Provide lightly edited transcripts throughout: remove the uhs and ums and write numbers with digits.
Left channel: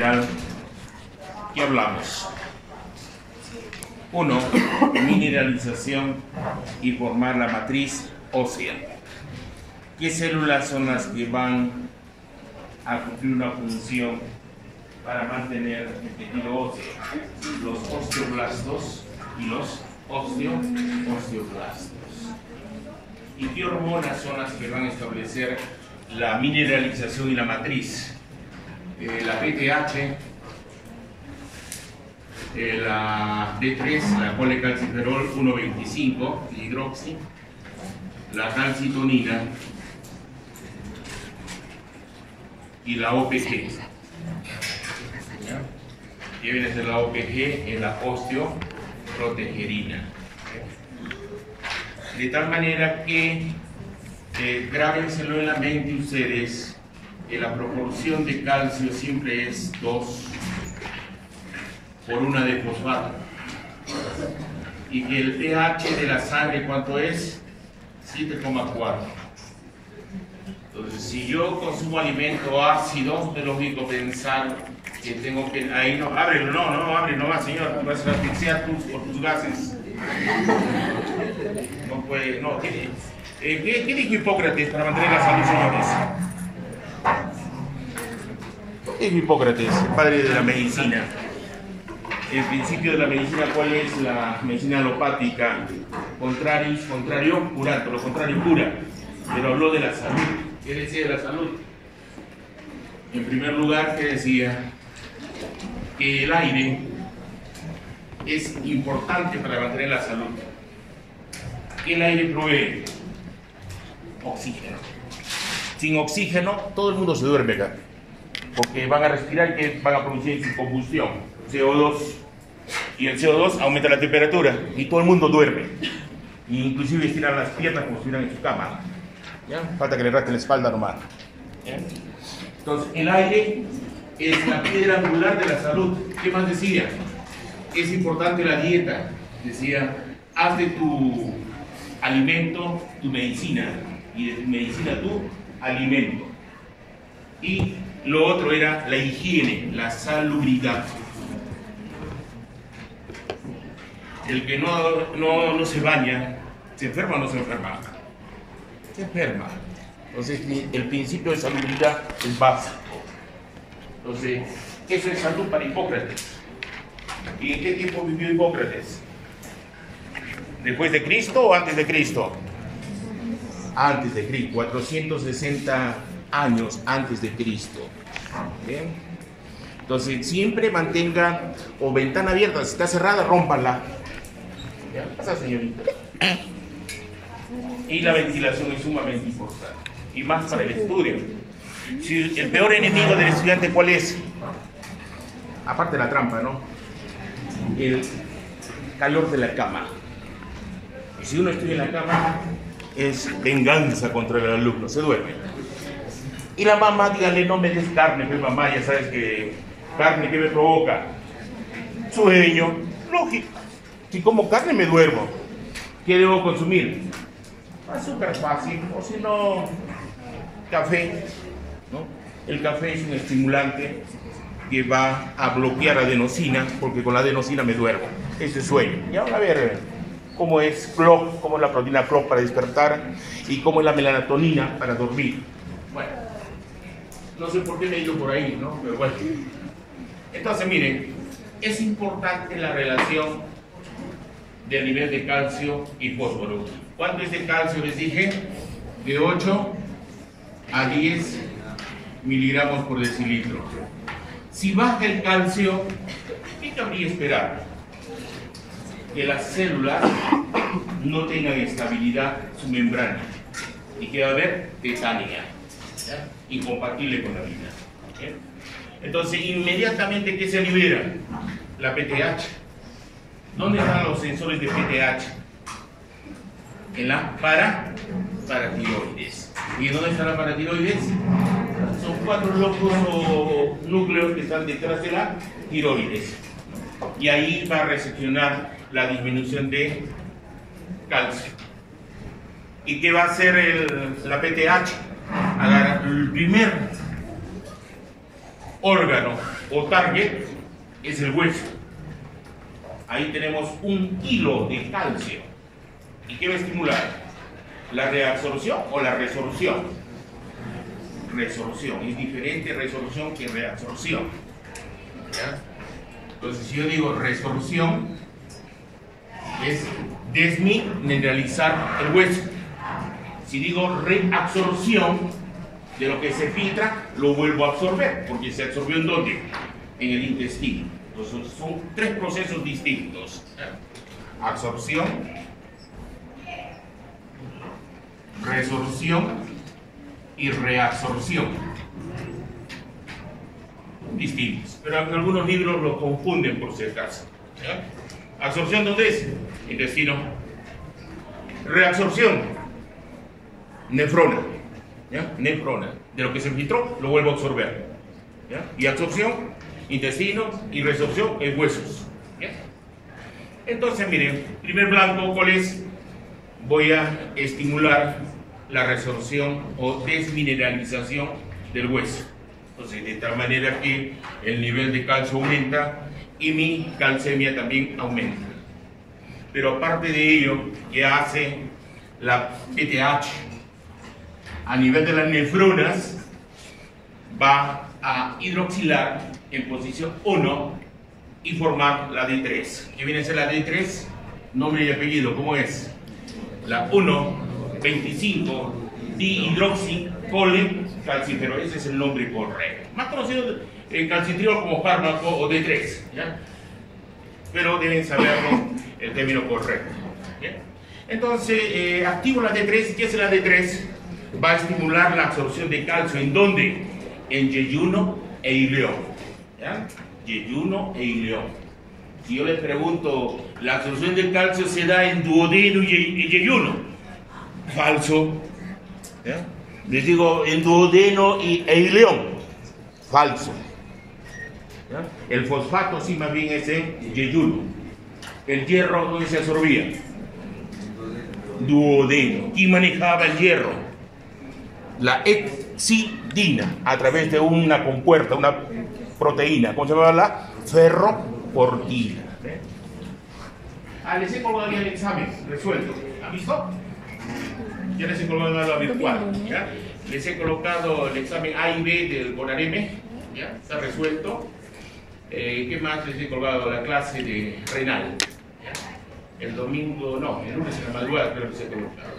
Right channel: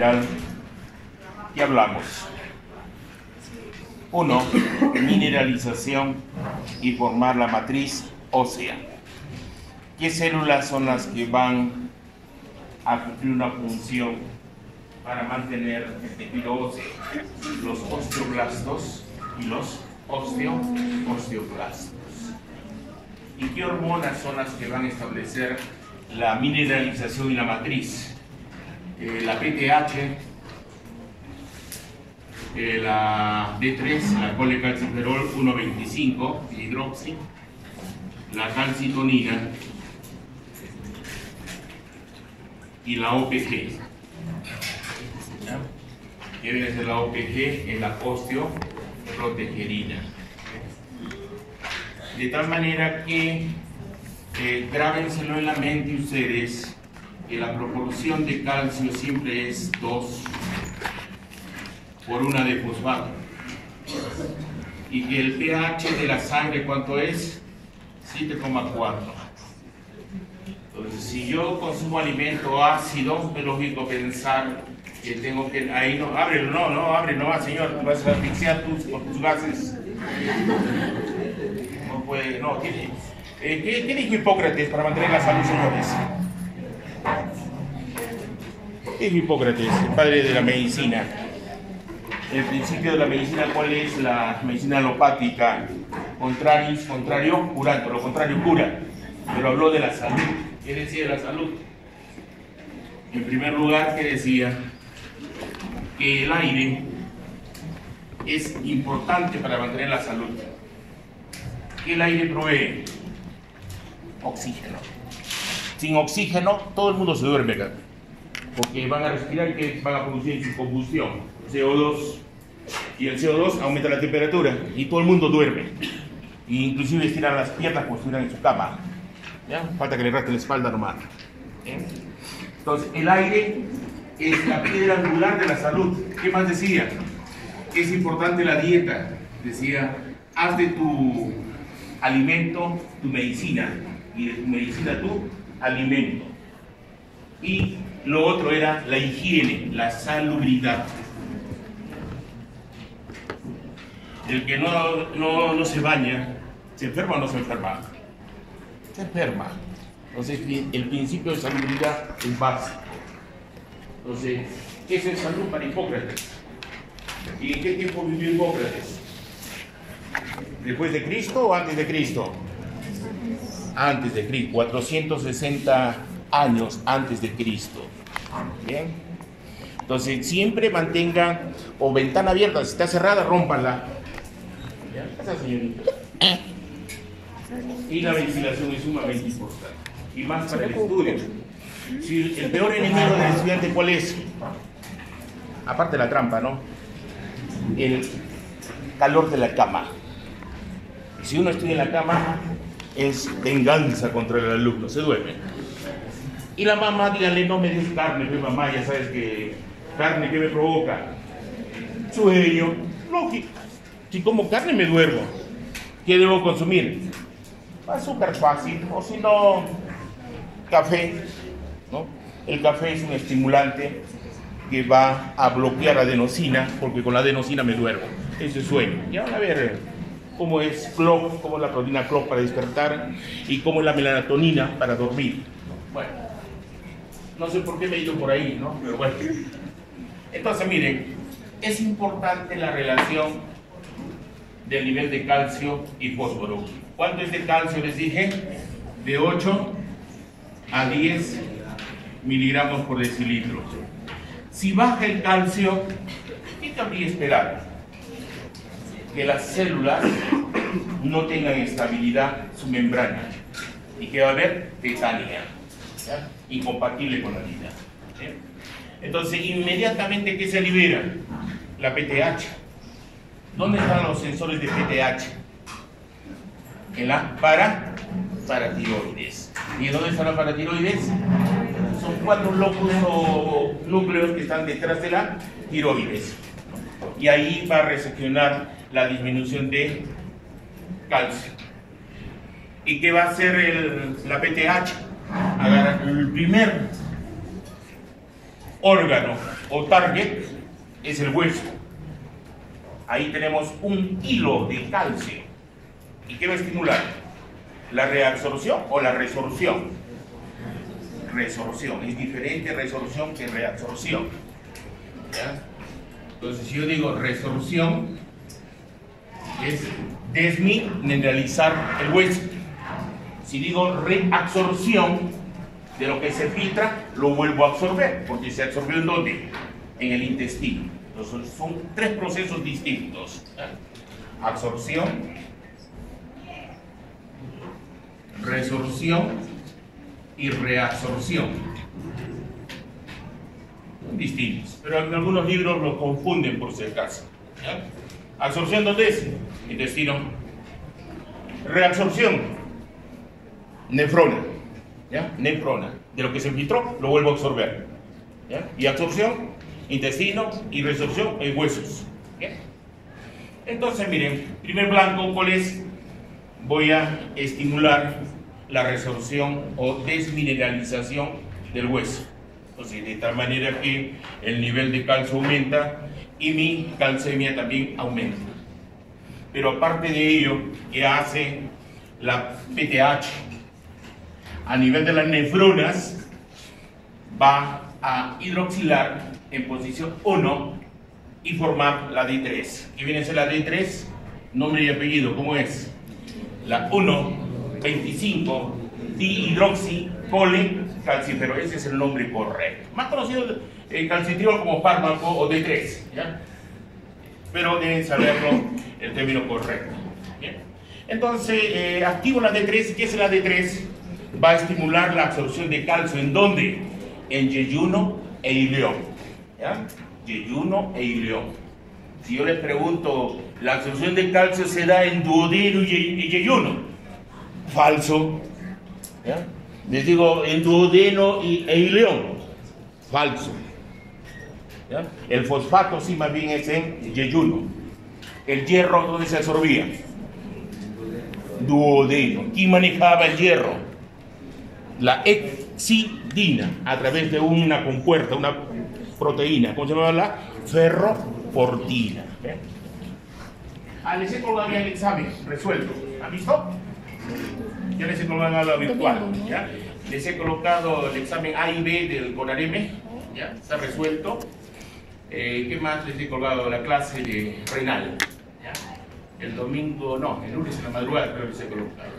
general, ¿qué hablamos? Uno, mineralización y formar la matriz ósea. ¿Qué células son las que van a cumplir una función para mantener el tejido óseo? Los osteoblastos y los osteoblastos. ¿Y qué hormonas son las que van a establecer la mineralización y la matriz? La PTH, la D3, la colecalciferol 1,25 hidroxi, la calcitonina y la OPG. ¿Qué viene a ser la OPG? Es la osteoprotegerina. De tal manera que grábenselo en la mente ustedes, que la proporción de calcio siempre es 2 por 1 de fosfato, y que el pH de la sangre, ¿cuánto es? 7,4. Entonces, si yo consumo alimento ácido, es lógico pensar que tengo que... Ahí no, ábrelo, no, abre, no va, señor, vas a asfixiar por tus gases. No puede, no, ¿qué dijo Hipócrates para mantener la salud, señores? ¿Qué dijo Hipócrates, el padre de la medicina? El principio de la medicina, ¿cuál es? La medicina alopática, contrario, curando, lo contrario cura. Pero habló de la salud. ¿Qué decía de la salud? En primer lugar, ¿qué decía? Que el aire es importante para mantener la salud. ¿Qué el aire provee? Oxígeno. Sin oxígeno, todo el mundo se duerme acá, porque van a respirar y que van a producir su combustión, CO2, y el CO2 aumenta la temperatura y todo el mundo duerme, inclusive estiran las piernas como si estuvieran en su cama. ¿Ya? Falta que le rasquen la espalda nomás. Entonces, el aire es la piedra angular de la salud. ¿Qué más decía? Es importante la dieta. Decía, haz de tu alimento tu medicina, y de tu medicina tu alimento. Y lo otro era la higiene, la salubridad. El que no se baña, ¿se enferma o no se enferma? Se enferma. Entonces, el principio de salubridad es básico. Entonces, ¿qué es el salud para Hipócrates? ¿Y en qué tiempo vivió Hipócrates? ¿Después de Cristo o antes de Cristo? Antes de Cristo, 460 años antes de Cristo. ¿Bien? Entonces, siempre mantenga o ventana abierta, si está cerrada, rómpanla. ¿Ya? Pasa, señorita. Y la ventilación es sumamente importante, y más para el estudio. Si el peor enemigo del estudiante, ¿cuál es? Aparte de la trampa, ¿no? El calor de la cama. Y si uno estudia en la cama, es venganza contra el alumno, se duerme. Y la mamá, dígale, no me des carne, pero mamá, ya sabes que carne, ¿qué me provoca? Sueño, lógico. Si como carne me duermo, ¿qué debo consumir? Azúcar fácil, o si no, café, ¿no? El café es un estimulante que va a bloquear la adenosina, porque con la adenosina me duermo. Eso es sueño. Y ahora a ver cómo es clock, cómo es la proteína clock para despertar y cómo es la melatonina para dormir. Bueno, no sé por qué me he ido por ahí, ¿no? Pero bueno. Entonces, miren, es importante la relación del nivel de calcio y fósforo. ¿Cuánto es de calcio? Les dije, de 8 a 10 miligramos por decilitro. Si baja el calcio, ¿qué cabría esperar? Que las células no tengan estabilidad su membrana y que va a haber tetania, ¿ya? Incompatible con la vida. ¿Sí? Entonces, inmediatamente, ¿qué se libera? La PTH. ¿Dónde están los sensores de PTH? En la paratiroides. ¿Y dónde está la paratiroides? Son 4 lóbulos o núcleos que están detrás de la tiroides. Y ahí va a recepcionar la disminución de calcio. ¿Y qué va a hacer la PTH? Agarra el primer órgano o target es el hueso. Ahí tenemos un hilo de calcio. ¿Y qué va a estimular? ¿La reabsorción o la resorción? Resorción. Es diferente resolución que reabsorción. ¿Ya? Entonces, si yo digo resorción, es desmineralizar el hueso. Si digo reabsorción, de lo que se filtra, lo vuelvo a absorber, porque se absorbió ¿en dónde? En el intestino. Entonces, son tres procesos distintos. Absorción, resorción y reabsorción. Distintos, pero en algunos libros los confunden por si acaso. ¿Ya? Absorción, ¿dónde es? Intestino. Reabsorción, nefrona. ¿Ya? Nefrona. De lo que se filtró, lo vuelvo a absorber. ¿Ya? Y absorción, intestino, y resorción en huesos. ¿Ya? Entonces, miren, primer blanco, ¿cuál es? Voy a estimular la resorción o desmineralización del hueso. Entonces, de tal manera que el nivel de calcio aumenta y mi calcemia también aumenta. Pero aparte de ello, ¿qué hace la PTH? A nivel de las nefronas, va a hidroxilar en posición 1 y formar la D3. ¿Qué viene a ser la D3? Nombre y apellido, ¿cómo es? La 1,25 dihidroxicalcifero, ese es el nombre correcto. Más conocido en calcitriol como fármaco o D3, ¿ya? Pero deben saberlo el término correcto. ¿Ya? Entonces, activo la D3. ¿Qué es la D3? Va a estimular la absorción de calcio. ¿En dónde? En yeyuno e ileón. ¿Ya? Yeyuno e ileón. Si yo les pregunto, ¿la absorción de calcio se da en duodeno y yeyuno? Falso. ¿Ya? Les digo, en duodeno e ileón. Falso. ¿Ya? El fosfato sí más bien es en yeyuno. El hierro, ¿dónde se absorbía? Duodeno. ¿Quién manejaba el hierro? La exidina, a través de una compuerta, una proteína. ¿Cómo se llama? La ferroportina. Les he colgado ya el examen resuelto. ¿Han visto? Ya les he colgado a lo virtual. ¿Ya? Les he colocado el examen A y B del CONAREME. ¿Ya? Está resuelto. ¿Qué más les he colgado? La clase de renal. ¿Ya? El domingo, no, el lunes en la madrugada creo que les he colocado.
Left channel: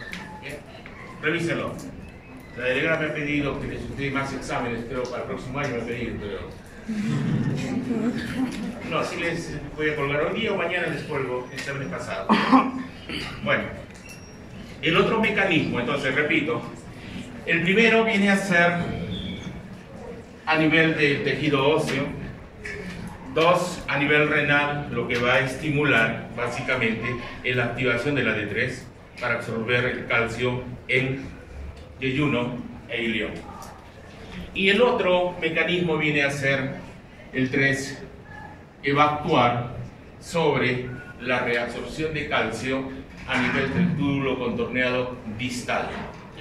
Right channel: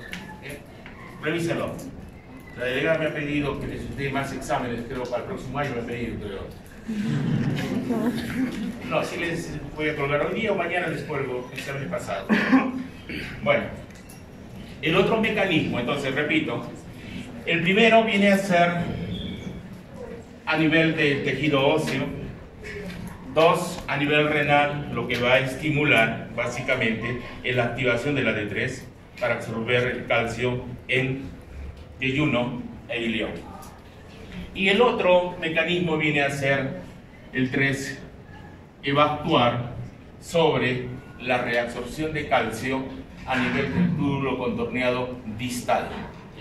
¿Ya? Revísenlo. La delegada me ha pedido que les dé más exámenes, creo para el próximo año me ha pedido, pero... No, si les voy a colgar hoy día o mañana les cuelgo exámenes pasados. Bueno, el otro mecanismo, entonces repito, el primero viene a ser a nivel del tejido óseo. 2, a nivel renal, lo que va a estimular básicamente es la activación de la D3 para absorber el calcio en yeyuno e ileón. Y el otro mecanismo viene a ser el 3, que va a actuar sobre la reabsorción de calcio a nivel del túbulo contorneado distal.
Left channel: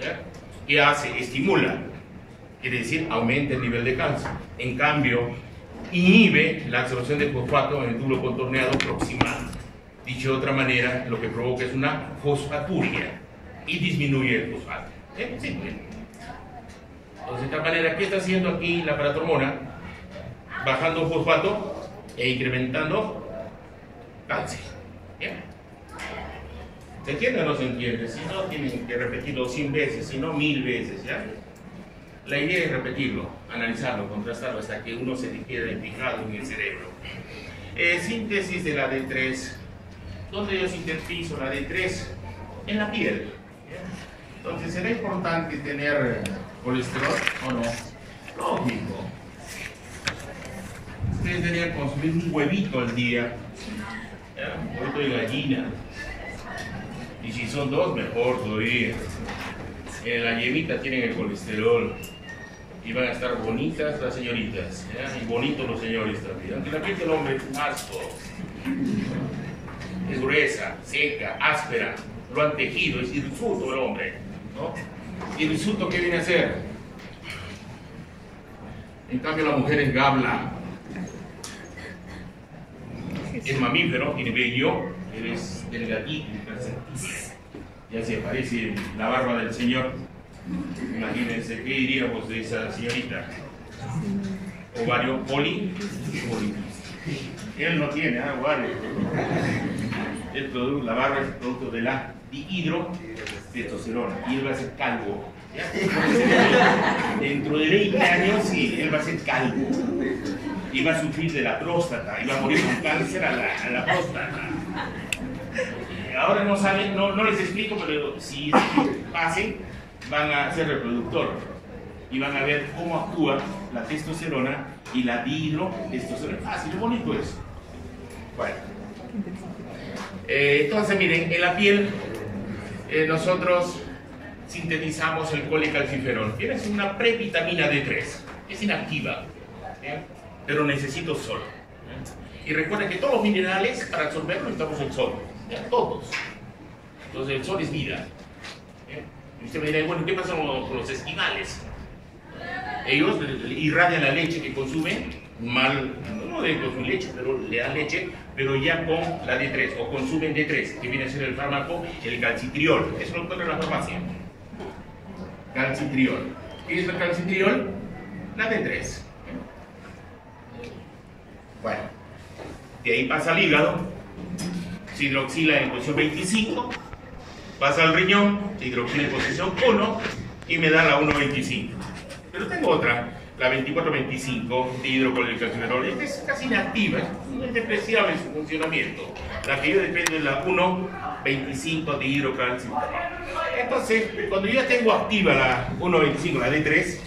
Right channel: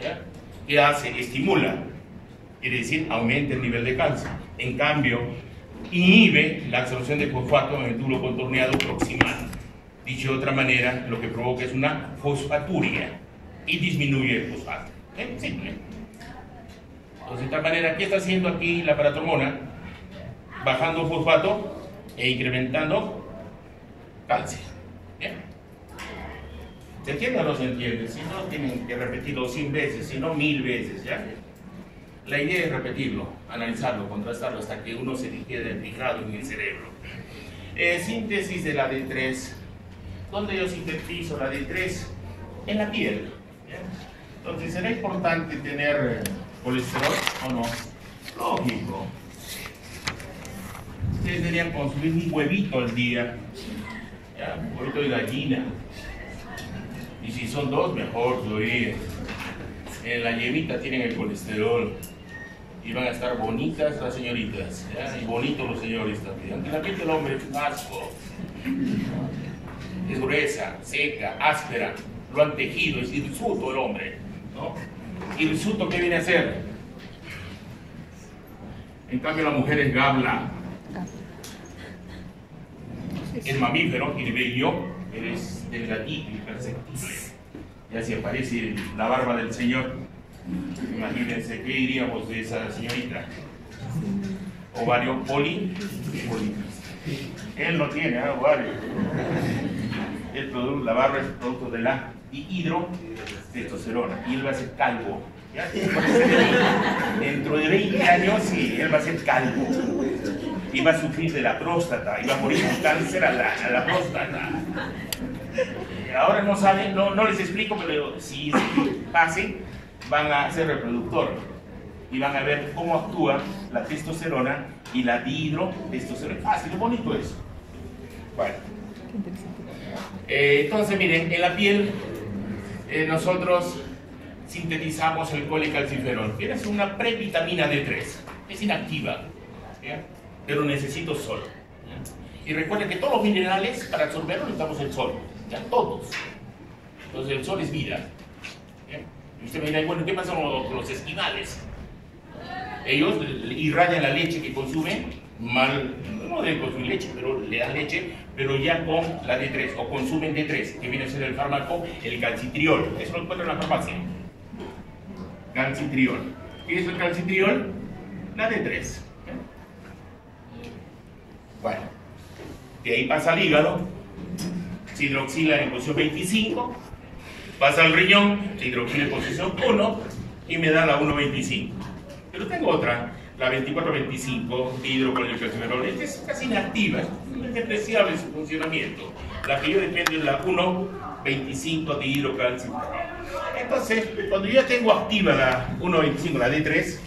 ¿Ya? ¿Qué hace? Estimula, quiere decir aumenta el nivel de calcio. En cambio, inhibe la absorción de fosfato en el túbulo contorneado proximal. Dicho de otra manera, lo que provoca es una fosfaturia y disminuye el fosfato. Simple. Entonces, de esta manera, ¿qué está haciendo aquí la paratormona? Bajando fosfato e incrementando calcio. ¿Bien? ¿Se entiende o no se entiende? Si no, tienen que repetirlo 100 veces, si no 1000 veces, ¿ya? La idea es repetirlo, analizarlo, contrastarlo hasta que uno se quede fijado en el cerebro. Síntesis de la D3. ¿Dónde yo sintetizo la D3? En la piel. ¿Bien? Entonces, ¿será importante tener colesterol o no? Lógico. Ustedes deberían consumir un huevito al día. ¿Ya? Un huevito de gallina. Y si son 2, mejor todavía. En la yemita tienen el colesterol. Y van a estar bonitas las señoritas. ¿Ya? Y bonitos los señores también. Aunque la piel del hombre es un asco. Es gruesa, seca, áspera. Lo han tejido, es hirsuto el hombre, ¿no? ¿Hirsuto qué viene a ser? En cambio la mujer es gabla. Es mamífero, tiene vello, es delgadito y perfectísimo. Ya se aparece la barba del Señor. Imagínense, ¿qué diríamos de esa señorita? Ovario poliquístico. Él no tiene ovario. La barba es producto de la dihidrotestosterona y él va a ser calvo. ¿Ya? Dentro de 20 años, sí, él va a ser calvo y va a sufrir de la próstata y va a morir con cáncer a la próstata. Ahora no saben, no les explico, pero si pase, van a ser reproductor y van a ver cómo actúa la testosterona y la dihidrotestosterona. Fácil, bonito eso. Bueno. Entonces, miren, en la piel nosotros sintetizamos el colecalciferol, que es una previtamina D3, es inactiva, ¿ya? Pero necesito sol. ¿Ya? Y recuerden que todos los minerales, para absorberlos, necesitamos el sol, ¿ya? Todos. Entonces el sol es vida. ¿Ya? Y usted me dirá, bueno, ¿qué pasa con los esquimales? Ellos irradian la leche que consumen, no deben consumir leche, pero le dan leche, pero ya con la D3, o consumen D3, que viene a ser el fármaco, el calcitriol. Eso lo encuentran en la farmacia. Calcitriol. ¿Qué es el calcitriol? La D3. Bueno, de ahí pasa al hígado, se hidroxila en posición 25, pasa al riñón, se hidroxila en posición 1 y me da la 1,25. Pero tengo otra, la 24,25 de hidrocolecalciferol. Esta es casi inactiva, es despreciable en su funcionamiento. La que yo dependo es la 1,25 de hidrocalciferol. Entonces, cuando yo ya tengo activa la 1,25, la D3,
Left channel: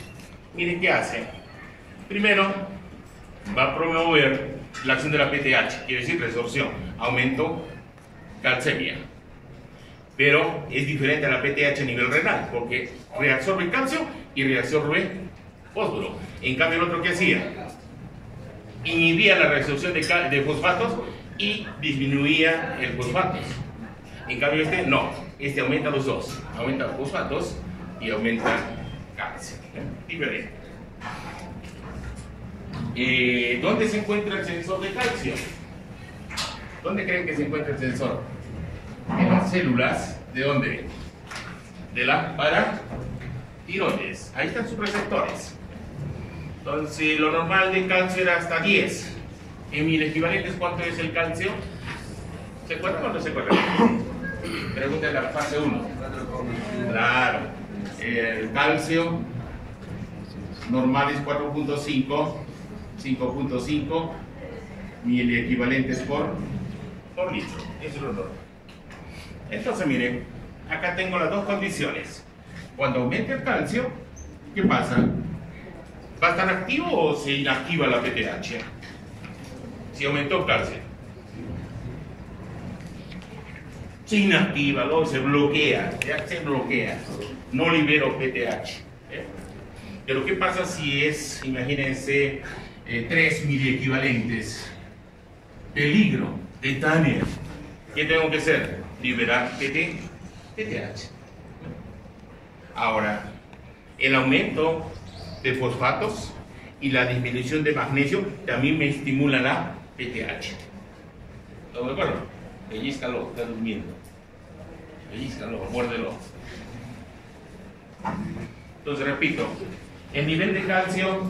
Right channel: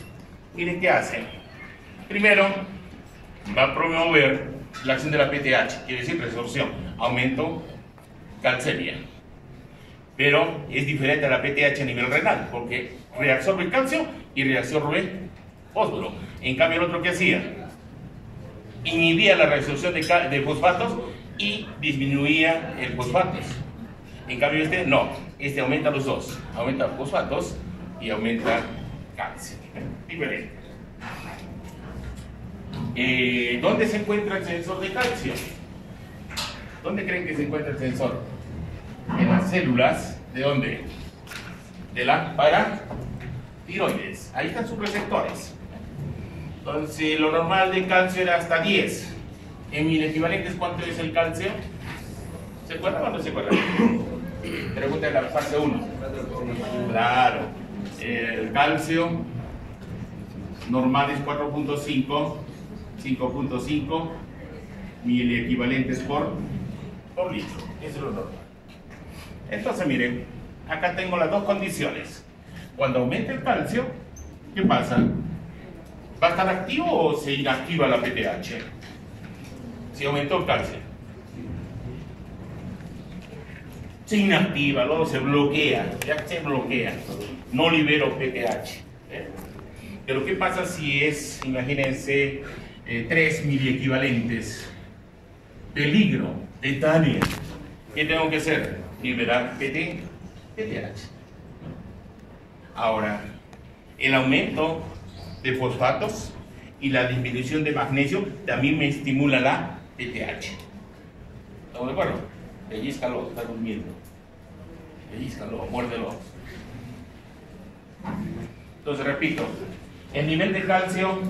miren qué hace. Primero, va a promover la acción de la PTH, quiere decir resorción, aumento calcemia. Pero es diferente a la PTH a nivel renal, porque reabsorbe calcio y reabsorbe fósforo. En cambio, el otro, ¿qué hacía? Inhibía la reabsorción de fosfatos y disminuía el fosfatos. En cambio, este no, este aumenta los dos, aumenta los fosfatos y aumenta calcio. Diferente. ¿Dónde se encuentra el sensor de calcio? ¿Dónde creen que se encuentra el sensor? En las células, ¿de dónde? De la paratiroides. Ahí están sus receptores. Entonces, lo normal de calcio era hasta 10. En mil equivalentes, ¿cuánto es el calcio? ¿Se acuerdan o no se acuerdan? Pregunta en la fase 1. Claro. El calcio normal es 4,5, 5,5 mil equivalentes por litro. Eso es lo normal. Entonces, miren, acá tengo las dos condiciones. Cuando aumente el calcio, ¿qué pasa? ¿Va a estar activo o se inactiva la PTH? Si aumentó el calcio. Se inactiva, luego se bloquea, ya se bloquea. No libero PTH. Pero ¿qué pasa si es, imagínense, 3 miliequivalentes? Peligro, tetania. ¿Qué tengo que hacer? Liberar PTH. Ahora, el aumento de fosfatos y la disminución de magnesio también me estimula la PTH. ¿Estamos de acuerdo? Pellízcalo, está durmiendo. Pellízcalo, muérdelo. Entonces, repito, el nivel de calcio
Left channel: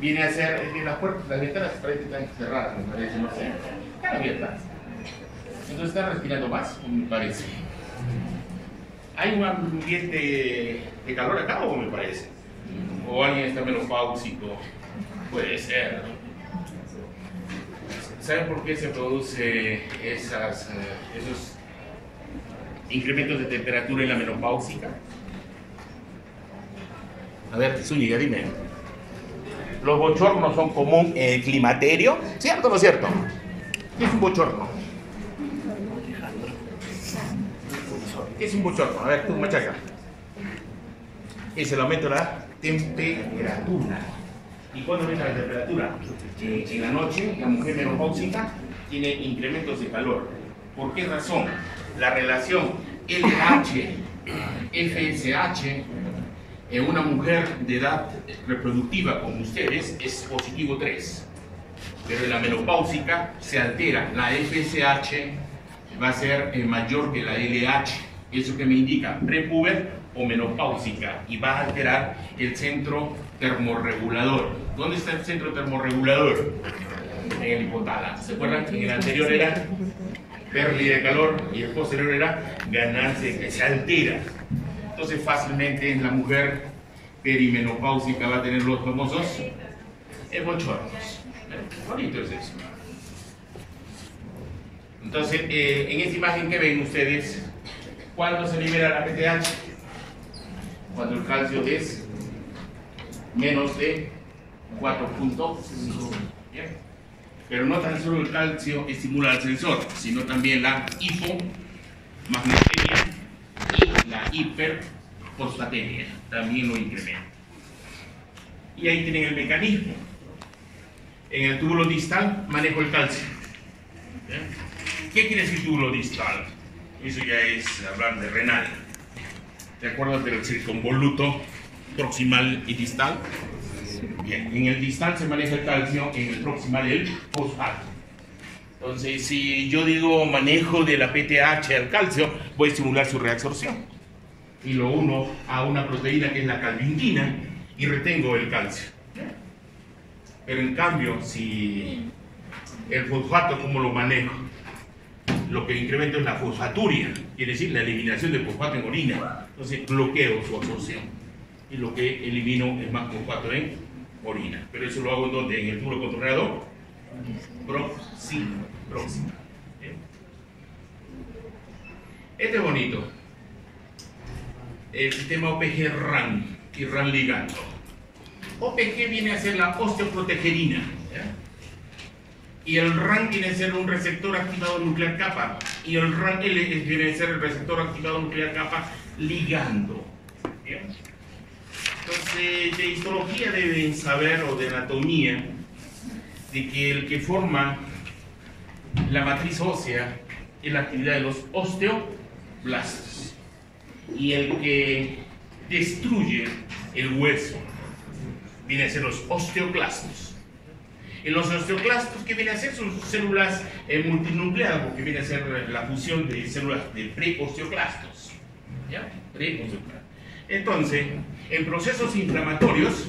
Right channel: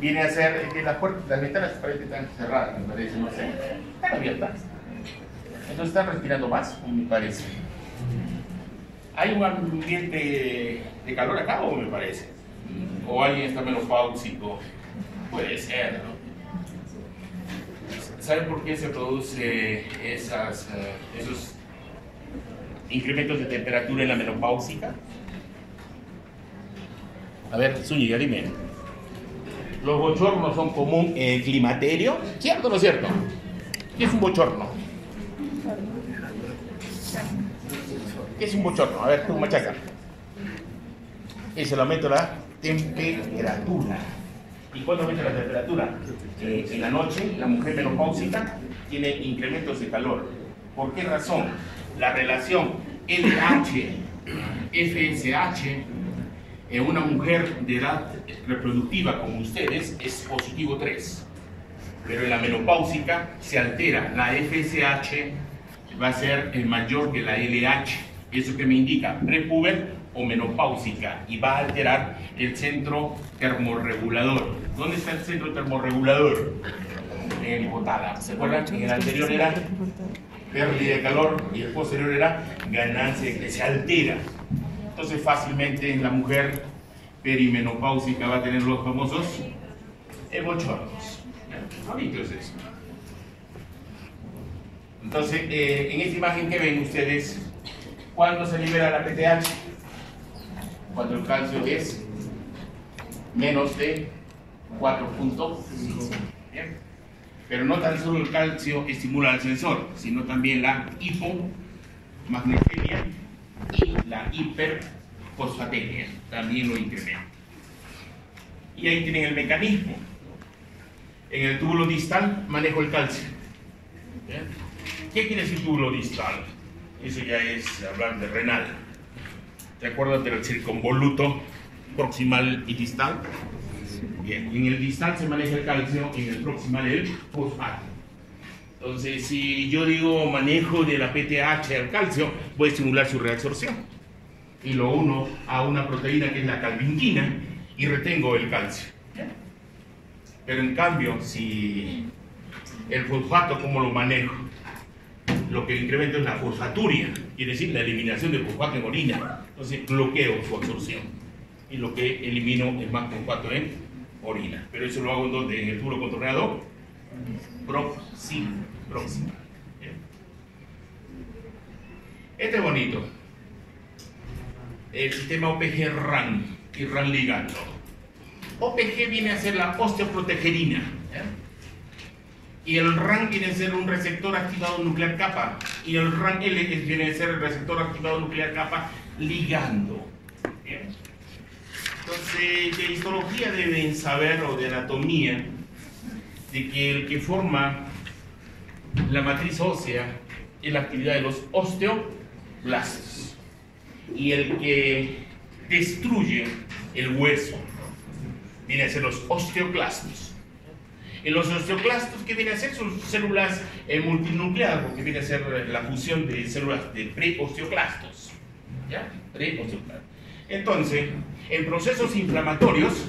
viene a ser, las ventanas parecen están cerradas, me parece, no sé, están abiertas. Entonces están respirando más, me parece. ¿Hay un ambiente de calor acá o me parece? ¿O alguien está menopáusico? Puede ser, ¿no? ¿Saben por qué se produce esos incrementos de temperatura en la menopáusica? A ver, Zúñiga, dime. Los bochornos son común en el climaterio, ¿cierto o no es cierto? ¿Qué es un bochorno? ¿Qué es un bochorno? A ver, tú, machaca. Es el aumento de la temperatura. ¿Y cuándo aumenta la temperatura? En la noche, la mujer menopáusica tiene incrementos de calor. ¿Por qué razón? La relación LH-FSH En una mujer de edad reproductiva como ustedes es positivo 3, pero en la menopáusica se altera. La FSH va a ser mayor que la LH, eso que me indica prepuber o menopáusica, y va a alterar el centro termorregulador. ¿Dónde está el centro termorregulador? En el hipotálamo. ¿Se acuerdan? En el anterior era pérdida de calor y el posterior era ganancia, que se altera. Entonces fácilmente la mujer perimenopáusica va a tener los famosos bochornos. Bonito es eso. Entonces, en esta imagen que ven ustedes, ¿cuándo se libera la PTH? Cuando el calcio es menos de 4.5. Pero no tan solo el calcio estimula al sensor, sino también la hipomagnesemia y la hiperfosfatemia también lo incrementa. Y ahí tienen el mecanismo. En el túbulo distal manejo el calcio. ¿Qué quiere decir túbulo distal? Eso ya es hablar de renal. ¿Te acuerdas del circunvoluto proximal y distal? Bien, en el distal se maneja el calcio, en el proximal el fosfato. Entonces, si yo digo manejo de la PTH al calcio, voy a estimular su reabsorción. Y lo uno a una proteína que es la calvinquina y retengo el calcio. Pero en cambio, si el fosfato, ¿cómo lo manejo? Lo que incremento es la fosfaturia, quiere decir la eliminación de fosfato en orina. Entonces bloqueo su absorción y lo que elimino es más fosfato en orina. Pero eso lo hago en donde, en el túbulo contorneador próximo. Este es bonito. El sistema OPG-RAN y RAN ligando. OPG viene a ser la osteoprotegerina, ¿ya? Y el RAN viene a ser un receptor activado nuclear kappa, y el RAN-L viene a ser el receptor activado nuclear kappa ligando. ¿Bien? Entonces, de histología deben saber, o de anatomía, de que el que forma la matriz ósea es la actividad de los osteoblastos, y el que destruye el hueso viene a ser los osteoclastos. En los osteoclastos, ¿qué viene a ser? Son células multinucleadas, porque viene a ser la fusión de células de preosteoclastos. ¿Ya? Preosteoclastos. Entonces, en procesos inflamatorios,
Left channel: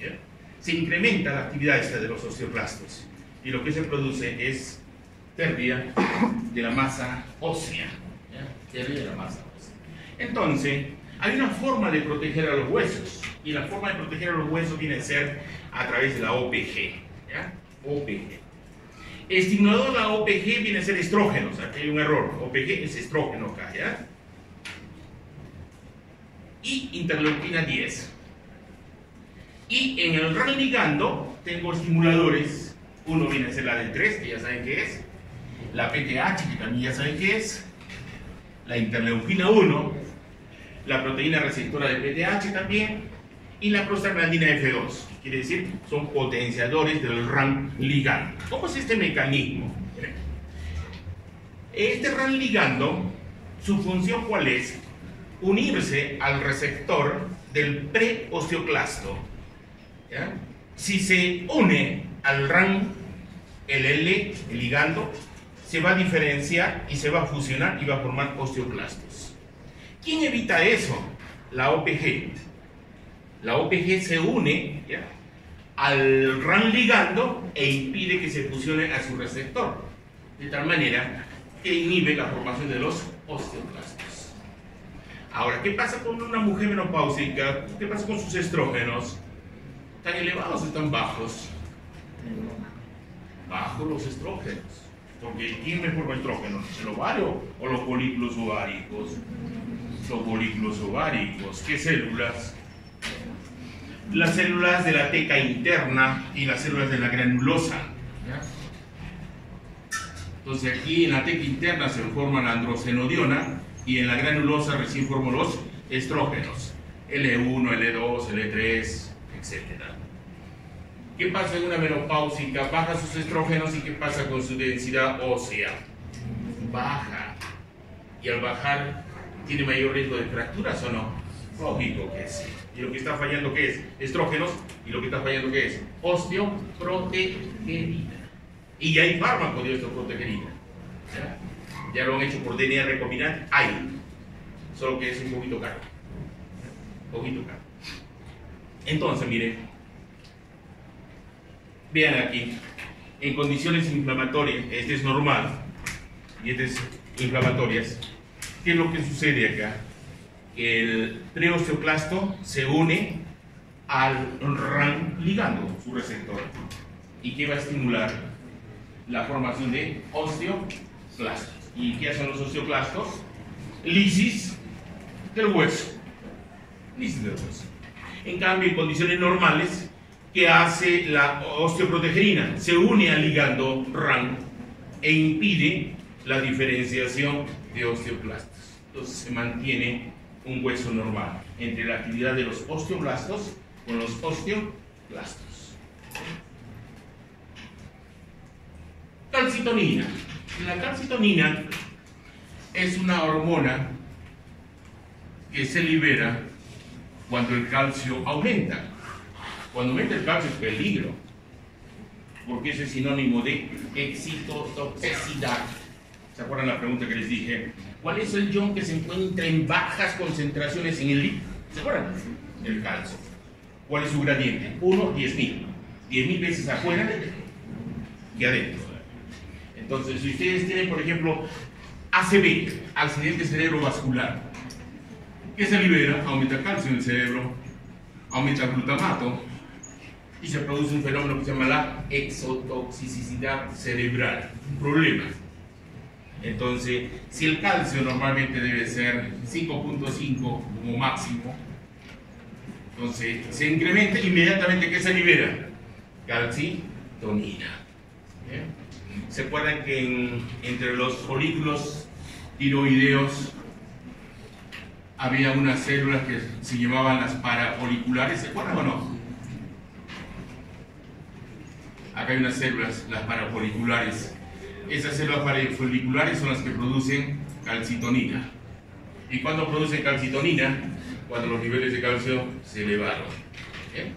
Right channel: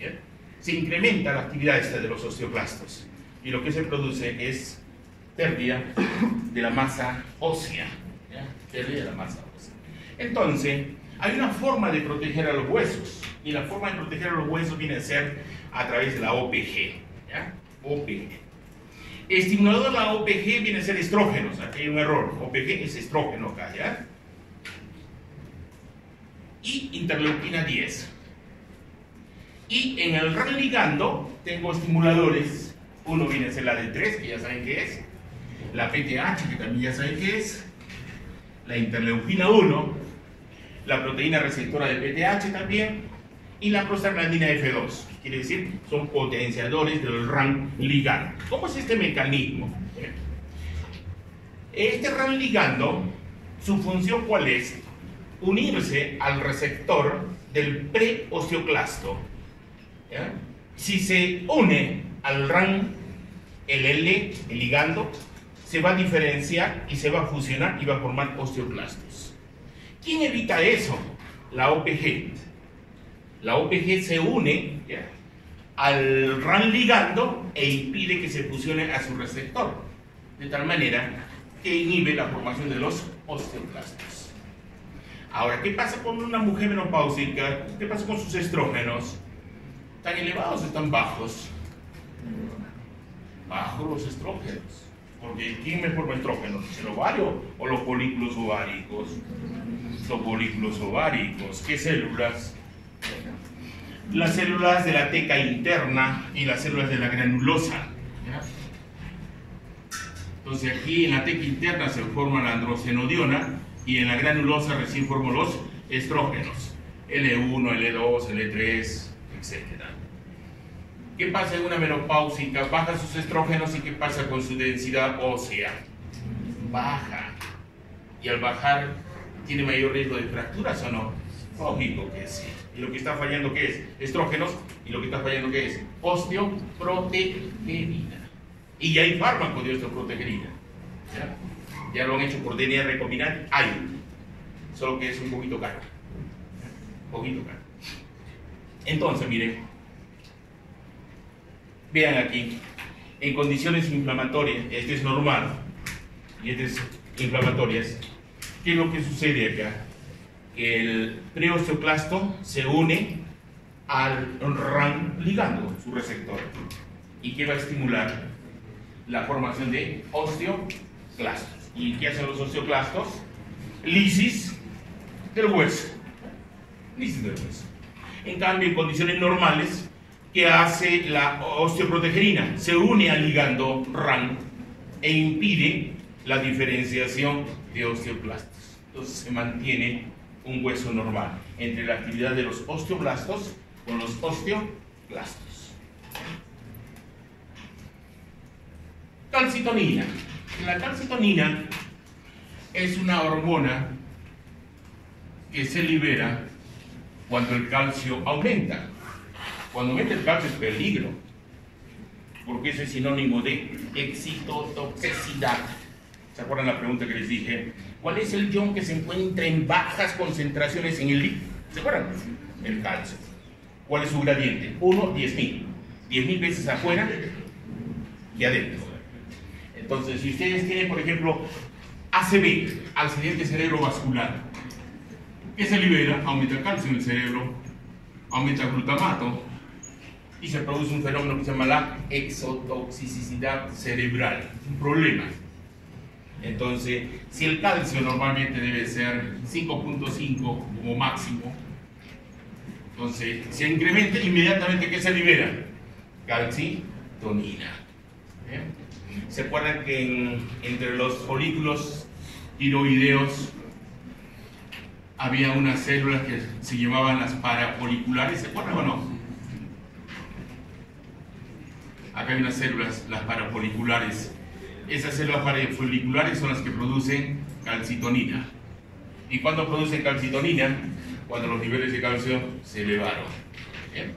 ¿ya?, se incrementa la actividad esta de los osteoclastos, y lo que se produce es pérdida de la masa ósea. ¿Ya? Pérdida de la masa ósea. Entonces, hay una forma de proteger a los huesos, y la forma de proteger a los huesos viene a ser a través de la OPG. ¿Ya? OPG. Estimulador de la OPG viene a ser estrógeno, o sea, que hay un error. OPG es estrógeno acá, ¿ya? Y interleuquina 10. Y en el RAN ligando tengo estimuladores. Uno viene a ser la D3, que ya saben qué es, la PTH, que también ya saben qué es, la interleuquina 1, la proteína receptora de PTH también, y la prostaglandina F2. Quiere decir, son potenciadores del RAN ligando. ¿Cómo es este mecanismo? Este RAN ligando, su función ¿cuál es? Unirse al receptor del preosteoclasto. ¿Ya? Si se une al RAN, el L, el ligando, se va a diferenciar y se va a fusionar y va a formar osteoclastos. ¿Quién evita eso? La OPG. La OPG se une, ¿ya?, al RAN ligando e impide que se fusione a su receptor, de tal manera que inhibe la formación de los osteoclastos. Ahora, ¿qué pasa con una mujer menopáusica? ¿Qué pasa con sus estrógenos? ¿Están elevados o están bajos? Bajos los estrógenos. Porque ¿quién me forma estrógenos? ¿El ovario o los folículos ováricos? Los folículos ováricos. ¿Qué células? Las células de la teca interna y las células de la granulosa. ¿Ya? Entonces aquí en la teca interna se forma la androstenodiona y en la granulosa recién formo los estrógenos, L1, L2, L3, etc. ¿Qué pasa en una menopáusica? Baja sus estrógenos, y ¿qué pasa con su densidad ósea? Baja. Y al bajar, ¿tiene mayor riesgo de fracturas o no? Lógico que sí. Y lo que está fallando, ¿qué es? Estrógenos. Y lo que está fallando, ¿qué es? Osteoprotegerina. Y hay fármacos de osteoprotegerina. Ya lo han hecho por DNA recombinante. Hay. Solo que es un poquito caro. Un poquito caro. Entonces, miren. Vean aquí. En condiciones inflamatorias, este es normal. Y este es inflamatorias. ¿Qué es lo que sucede acá? El preosteoclasto se une al RAN ligando, su receptor, y que va a estimular la formación de osteoclastos. ¿Y qué hacen los osteoclastos? Lisis del hueso. Lisis del hueso. En cambio, en condiciones normales, ¿qué hace la osteoprotegerina? Se une al ligando RAN e impide la diferenciación de osteoclastos. Entonces se mantiene un hueso normal entre la actividad de los osteoblastos con los osteoclastos. Calcitonina. La calcitonina es una hormona que se libera cuando el calcio aumenta. Cuando aumenta el calcio es peligro, porque eso es sinónimo de excitotoxicidad. ¿Se acuerdan la pregunta que les dije? ¿Cuál es el ion que se encuentra en bajas concentraciones en el líquido? ¿Se acuerdan? El calcio. ¿Cuál es su gradiente? 1, 10.000. 10.000 veces afuera y adentro. Entonces, si ustedes tienen, por ejemplo, ACV, accidente cerebrovascular, ¿qué se libera? Aumenta calcio en el cerebro, aumenta glutamato y se produce un fenómeno que se llama la exotoxicidad cerebral. Un problema. Entonces, si el calcio normalmente debe ser 5.5 como máximo, entonces se incrementa inmediatamente. ¿Qué se libera? Calcitonina. ¿Bien? ¿Se acuerdan que entre los folículos tiroideos había unas células que se llamaban las parafoliculares? ¿Se acuerdan o no? Acá hay unas células, las parafoliculares. Esas células parafoliculares son las que producen calcitonina. ¿Y cuándo producen calcitonina? Cuando los niveles de calcio se elevaron. ¿Bien?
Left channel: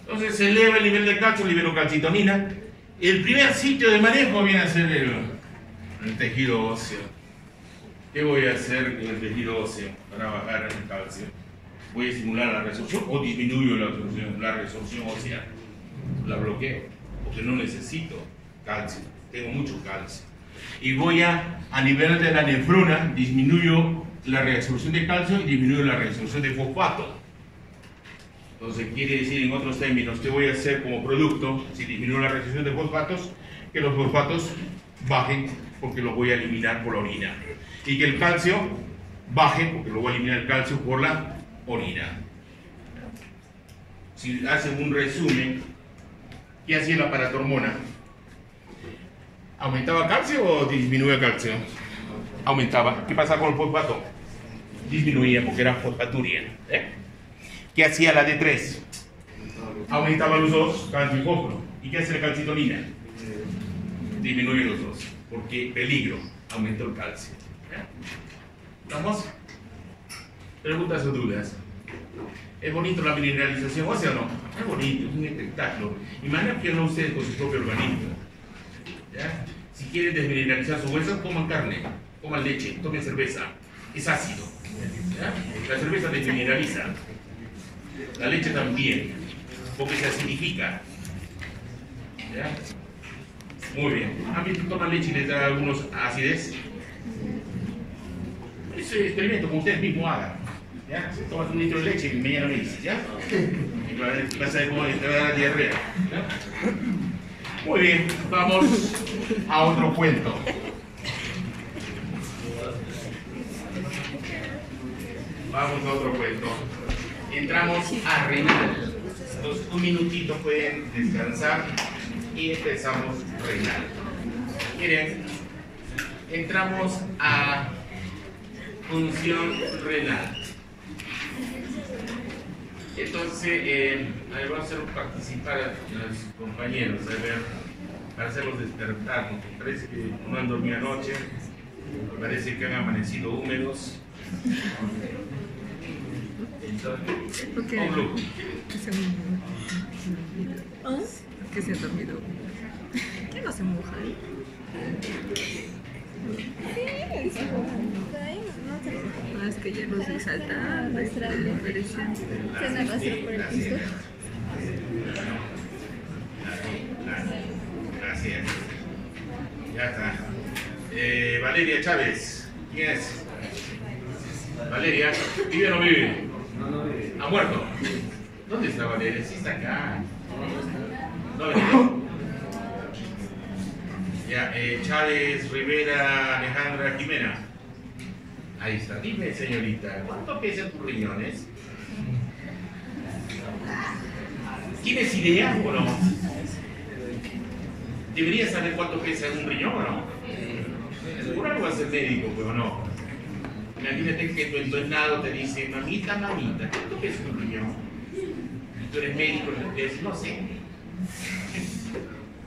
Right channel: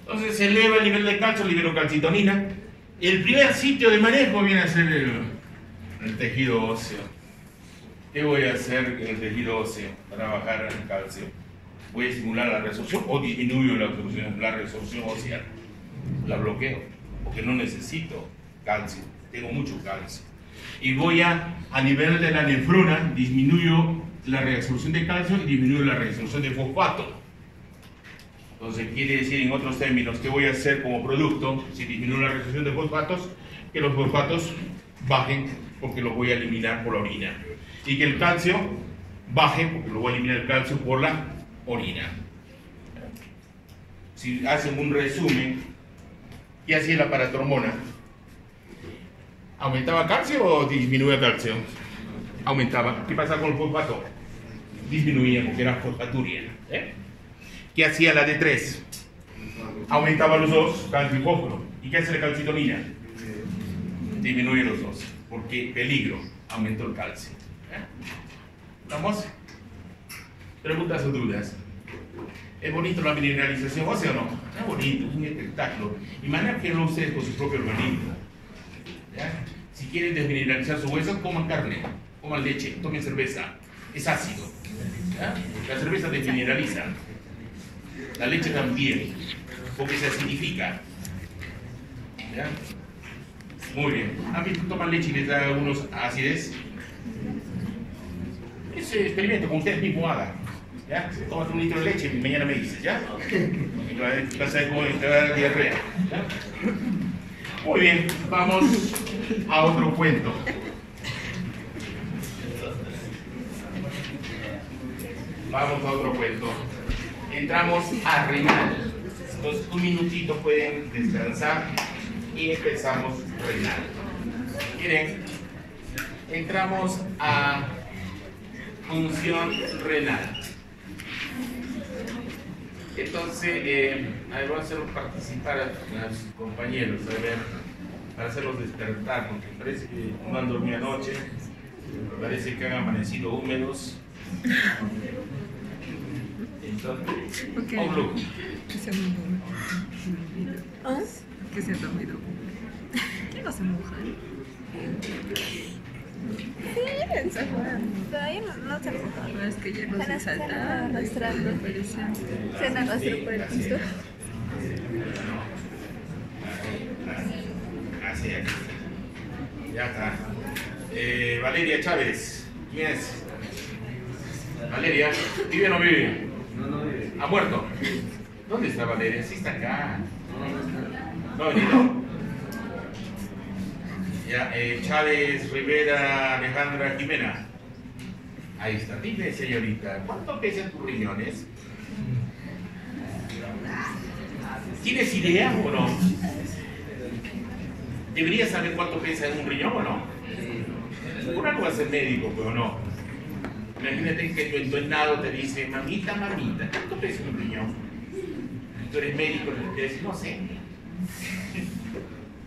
Entonces se eleva el nivel de calcio, libero calcitonina. El primer sitio de manejo viene a ser el tejido óseo. ¿Qué voy a hacer en el tejido óseo para bajar el calcio? ¿Voy a estimular la resorción o disminuyo la resorción ósea? La bloqueo, porque no necesito calcio. Tengo mucho calcio. Y voy a nivel de la nefrona, disminuyo la reabsorción de calcio y disminuyo la reabsorción de fosfato. Entonces quiere decir, en otros términos, ¿qué voy a hacer como producto si disminuyo la reabsorción de fosfatos? Que los fosfatos bajen porque los voy a eliminar por la orina. Y que el calcio baje porque lo voy a eliminar el calcio por la orina. Si hacen un resumen, ¿qué hacía la paratormona? ¿Aumentaba calcio o disminuía calcio? Aumentaba. ¿Qué pasa con el fosfato? Disminuía porque era fosfaturia. ¿Qué hacía la D3? Aumentaba los dos, calcio y fósforo. ¿Y qué hace la calcitonina? Disminuye los dos. Porque peligro, aumentó el calcio. ¿Estamos? Preguntas o dudas. ¿Es bonito la mineralización ósea o no? Es bonito, es un espectáculo. Imagínenlo ustedes con su propio organismo. ¿Ya? Si quieren desmineralizar su hueso, coman carne, coman leche, tomen cerveza. Es ácido. ¿Ya? La cerveza desmineraliza. La leche también, porque se acidifica. ¿Ya? Muy bien. ¿A mí toman leche y les da algunos acidez? Es un experimento, como ustedes mismos hagan. ¿Ya? Tomas un litro de leche y mañana me dices, ¿ya? Y vas a te va a dar diarrea. ¿Ya? Muy bien, vamos a otro cuento. Vamos a otro cuento. Entramos a renal. Entonces, un minutito pueden descansar y empezamos renal. Miren, entramos a función renal. Entonces, vamos a hacer participar a los compañeros, a ver, para hacerlos despertar, porque parece que no han dormido anoche, parece que han amanecido húmedos. Porque O blue. que se han dormido. Que se han dormido. Que no se mojan. No, es que ya los vi saltando y parecían. Gracias. Ya está. Valeria Chávez. ¿Quién es? Valeria. ¿Vive o no vive? No vive. ¿Ha muerto? ¿Dónde está Valeria? Sí está acá. ¿No ha venido? Ya, Chávez, Rivera, Alejandra, Jimena. Ahí está. Dime, señorita, ¿cuánto pesan tus riñones? ¿Tienes idea o no? ¿Deberías saber cuánto pesa un riñón o no? Por algo vas a ser médico, pero no. Imagínate que tu entrenado te dice, mamita, mamita, ¿cuánto pesa un riñón? Y tú eres médico y te dices, no sé.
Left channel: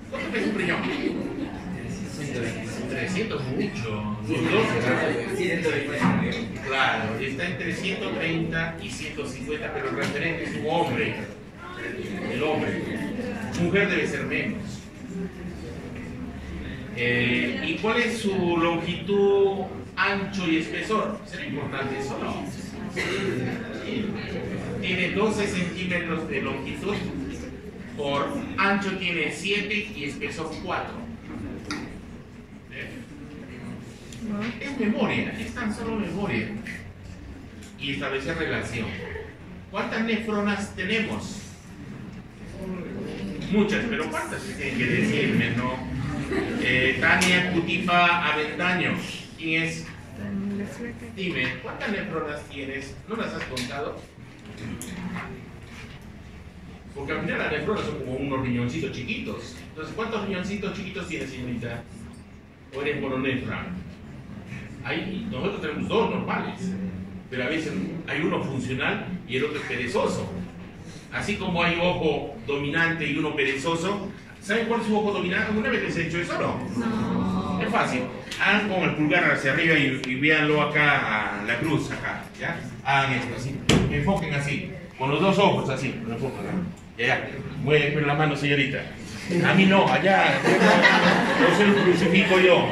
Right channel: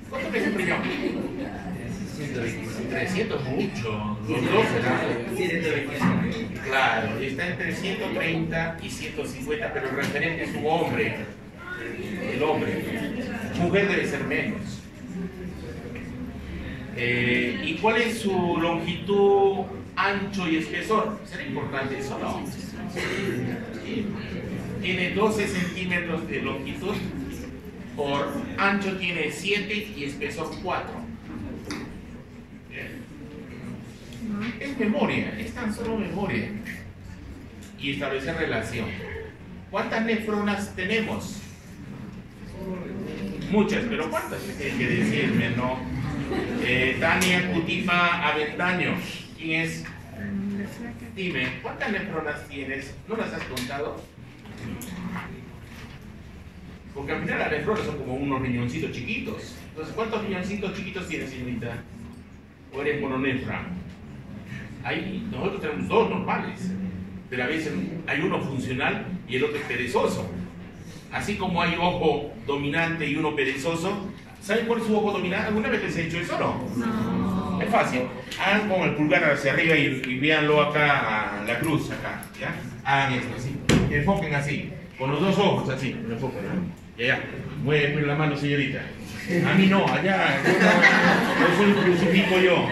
¿Cuánto pesa un riñón? 300 mucho. Los dos serán. 125. Claro, está entre 130 y 150, pero el referente es un hombre. El hombre. Mujer debe ser menos. ¿Y cuál es su longitud, ancho y espesor? ¿Será importante eso, no? Sí. Tiene 12 centímetros de longitud, por ancho tiene 7 y espesor 4. Es memoria, es tan solo memoria. Y establecer relación. ¿Cuántas nefronas tenemos? Muchas, pero ¿cuántas? Tienen que decirme, ¿no? Tania Cutipa Avendaño. ¿Quién es? Dime, ¿cuántas nefronas tienes? ¿No las has contado? Porque al final las nefronas son como unos riñoncitos chiquitos. Entonces, ¿cuántos riñoncitos chiquitos tienes, señorita? ¿O eres mononefra? Ahí nosotros tenemos dos normales, pero a veces hay uno funcional y el otro es perezoso. Así como hay ojo dominante y uno perezoso, ¿saben cuál es su ojo dominante? ¿Alguna vez les he hecho eso o no? No. Es fácil. Hagan con el pulgar hacia arriba y véanlo acá, a la cruz, acá. ¿Ya? Hagan esto así. Enfoquen así. Con los dos ojos así. Enfoquen, ¿no? Ya. Mueven la mano, señorita. A mí no, allá. No se lo crucifico yo.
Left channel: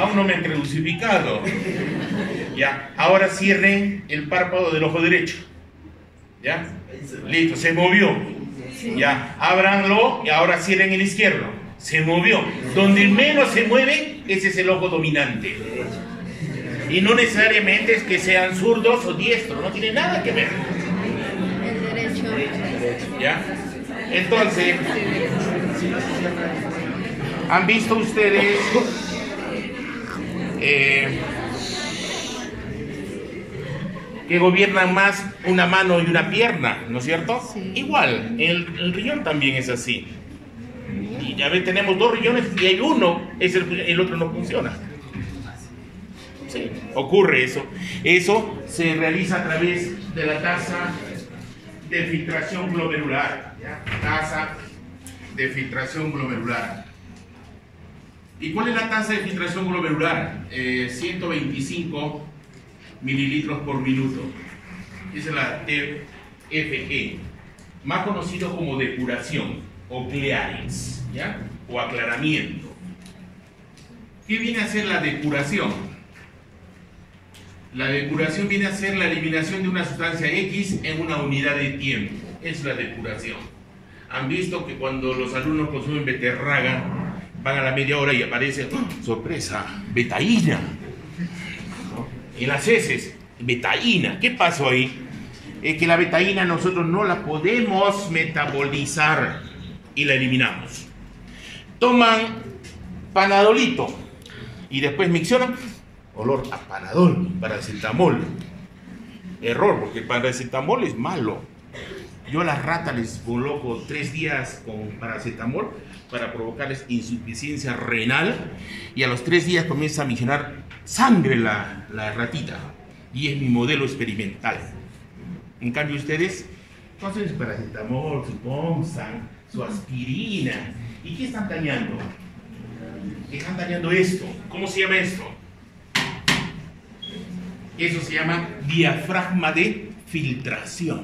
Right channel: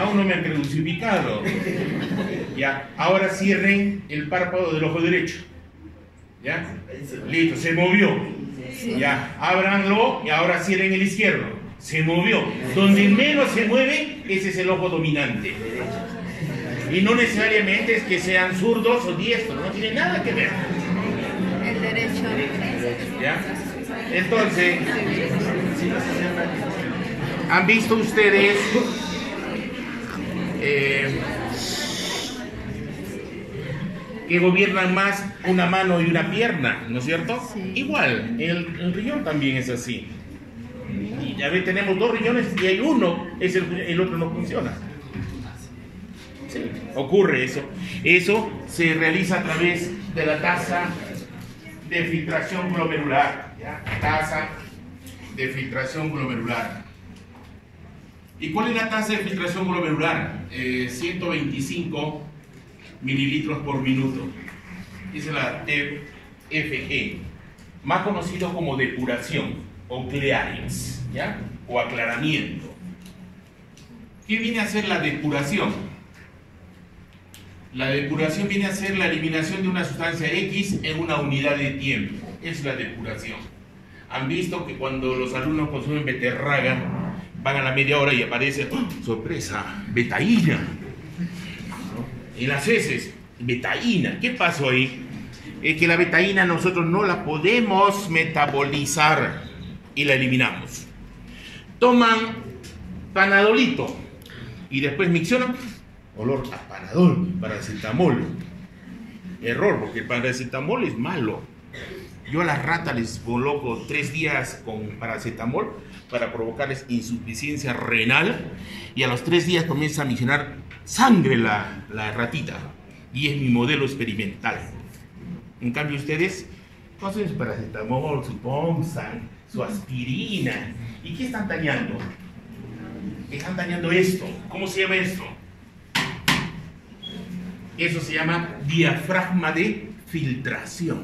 Aún no me han crucificado. Ya. Ahora cierren el párpado del ojo derecho. ¿Ya? Listo, se movió. Ya. Ábranlo y ahora cierren el izquierdo. Se movió. Donde menos se mueve, ese es el ojo dominante. Y no necesariamente es que sean zurdos o diestros, no tiene nada que ver. El derecho. ¿Ya? Entonces, ¿han visto ustedes que gobiernan más una mano y una pierna, ¿no es cierto? Sí. Igual, el riñón también es así. Y ya ven, tenemos dos riñones y hay uno, el otro no funciona. Sí, ocurre eso. Eso se realiza a través de la tasa de filtración glomerular. ¿Ya? Tasa de filtración glomerular. ¿Y cuál es la tasa de filtración glomerular? 125 mililitros por minuto. Esa es la TFG, más conocido como depuración o clearance, ¿ya? O aclaramiento. ¿Qué viene a ser la depuración? La depuración viene a ser la eliminación de una sustancia X en una unidad de tiempo. Es la depuración. Han visto que cuando los alumnos consumen beterraga, van a la media hora y aparece, ¡oh, sorpresa! Betaína. En las heces, betaína. ¿Qué pasó ahí? Es que la betaína nosotros no la podemos metabolizar y la eliminamos. Toman panadolito y después miccionan, olor a panadol, paracetamol. Error, porque el paracetamol es malo. Yo a las ratas les coloco 3 días con paracetamol para provocarles insuficiencia renal y a los 3 días comienza a miccionar sangre la ratita y es mi modelo experimental. En cambio ustedes conocen su paracetamol, su Pomsan, su aspirina. ¿Y qué están dañando? Están dañando esto. ¿Cómo se llama esto? Eso se llama diafragma de filtración.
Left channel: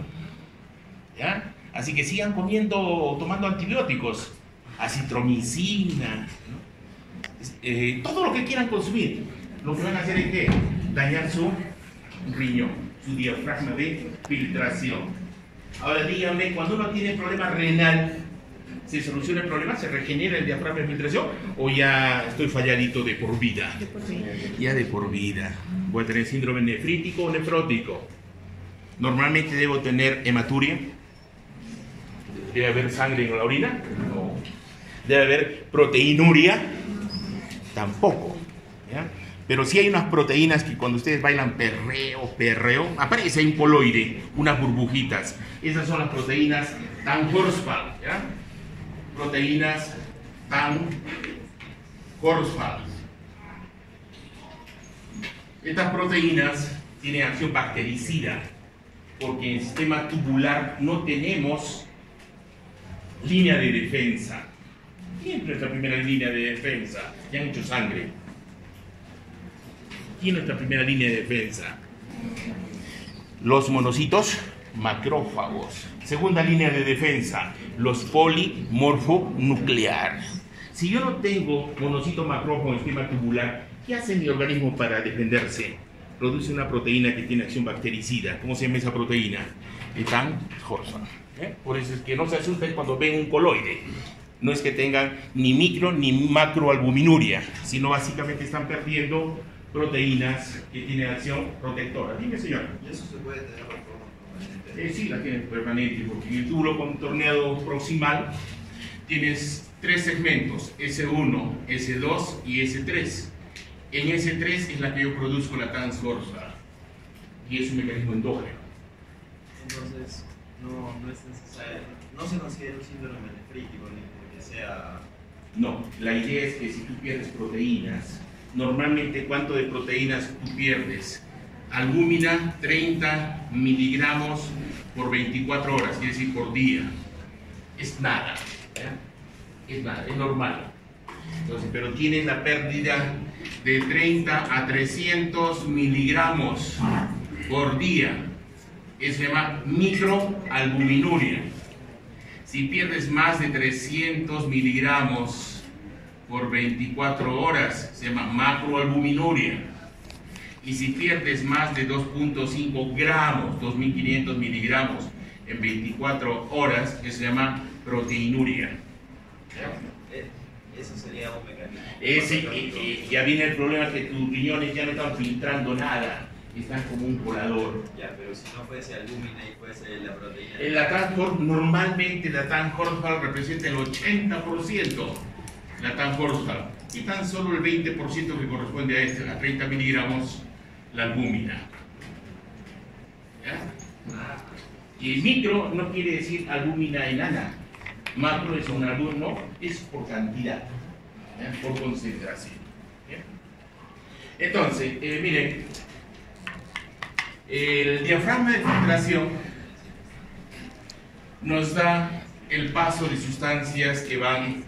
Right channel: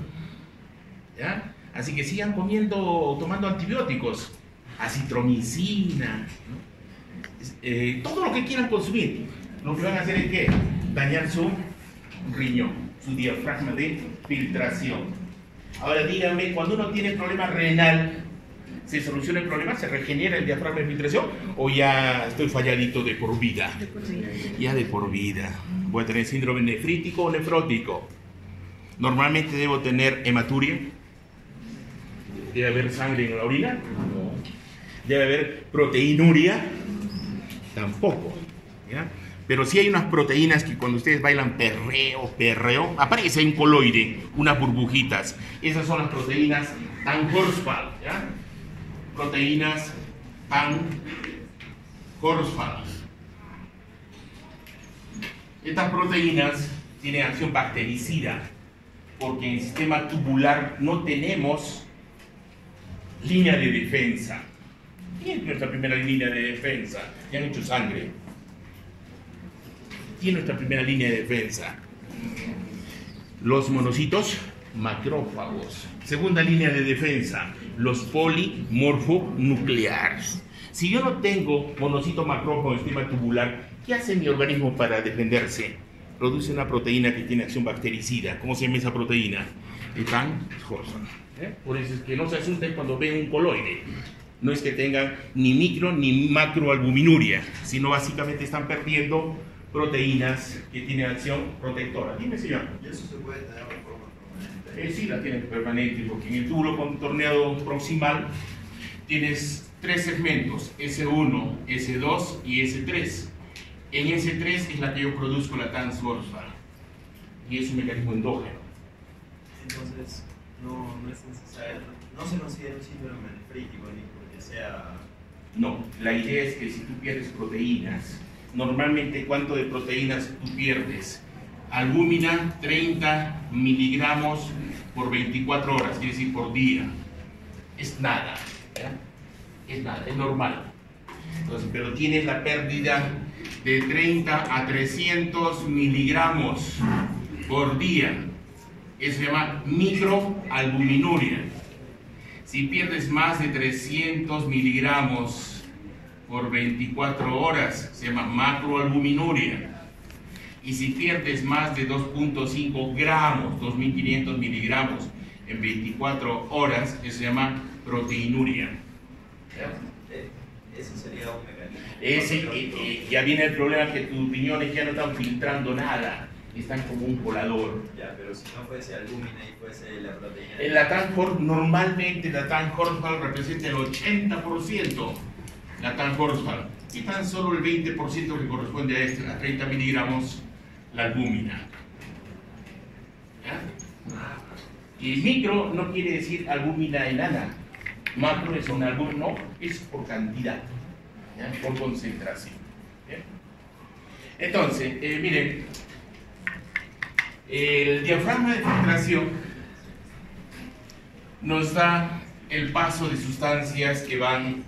¿Ya? Así que sigan comiendo o tomando antibióticos, acitromicina, ¿no? Todo lo que quieran consumir. Lo que van a hacer es que dañar su riñón, su diafragma de filtración. Ahora díganme, cuando uno tiene problema renal, ¿se soluciona el problema? ¿Se regenera el diafragma de filtración? ¿O ya estoy falladito de por vida? De por vida. Ya de por vida. Voy a tener síndrome nefrítico o nefrótico. Normalmente debo tener hematuria. ¿Debe haber sangre en la orina? No. ¿Debe haber proteinuria? Tampoco. ¿Ya? Pero sí hay unas proteínas que cuando ustedes bailan perreo, aparece un coloide, unas burbujitas. Esas son las proteínas Tan-Horsfall, ¿ya? Proteínas Tan-Horsfall. Estas proteínas tienen acción bactericida, porque en el sistema tubular no tenemos línea de defensa. ¿Quién es nuestra primera línea de defensa? Ya han hecho sangre. ¿Quién es nuestra primera línea de defensa? Los monocitos macrófagos. Segunda línea de defensa, los polimorfonucleares. Si yo no tengo monocito macrófago en el sistema tubular, ¿qué hace mi organismo para defenderse? Produce una proteína que tiene acción bactericida. ¿Cómo se llama esa proteína? Tan-Horsfall. Por eso es que no se asusten cuando ven un coloide. No es que tengan ni micro ni macroalbuminuria, sino básicamente están perdiendo proteínas que tienen acción protectora. Dime, señor. ¿Y eso se puede tener de forma permanente? Sí, la tienes permanente, porque en el túbulo contorneado proximal tienes tres segmentos, S1, S2 y S3. En S3 es la que yo produzco la Tan-Horsfall y es un mecanismo endógeno. Entonces, no es necesario, no se considera un síndrome nefrítico ni porque sea... No, la idea es que si tú pierdes proteínas, normalmente ¿cuánto de proteínas tú pierdes? Albúmina, 30 miligramos por 24 horas, quiere decir por día. Es nada, ¿ya? Es nada, es normal. Entonces, pero tienes la pérdida de 30 a 300 miligramos por día. Eso se llama microalbuminuria. Si pierdes más de 300 miligramos por 24 horas, se llama macroalbuminuria. Y si pierdes más de 2.5 gramos, 2.500 miligramos en 24 horas, eso se llama proteinuria. ¿Ya? Eso sería un mecanismo. Ya viene el problema que tus riñones ya no están filtrando nada, están como un colador. Ya, pero si no fuese albúmina y fuese la proteína... En la Tan-Horsfall, normalmente la Tan-Horsfall representa el 80%, la Tan-Horsfall, y tan solo el 20% que corresponde a 30 miligramos, la albúmina. ¿Ya? Y micro no quiere decir albúmina enana, macro es un albúmino, es por cantidad, ¿ya? Por concentración. ¿Ya? Entonces, miren, el diafragma de filtración nos da el paso de sustancias que van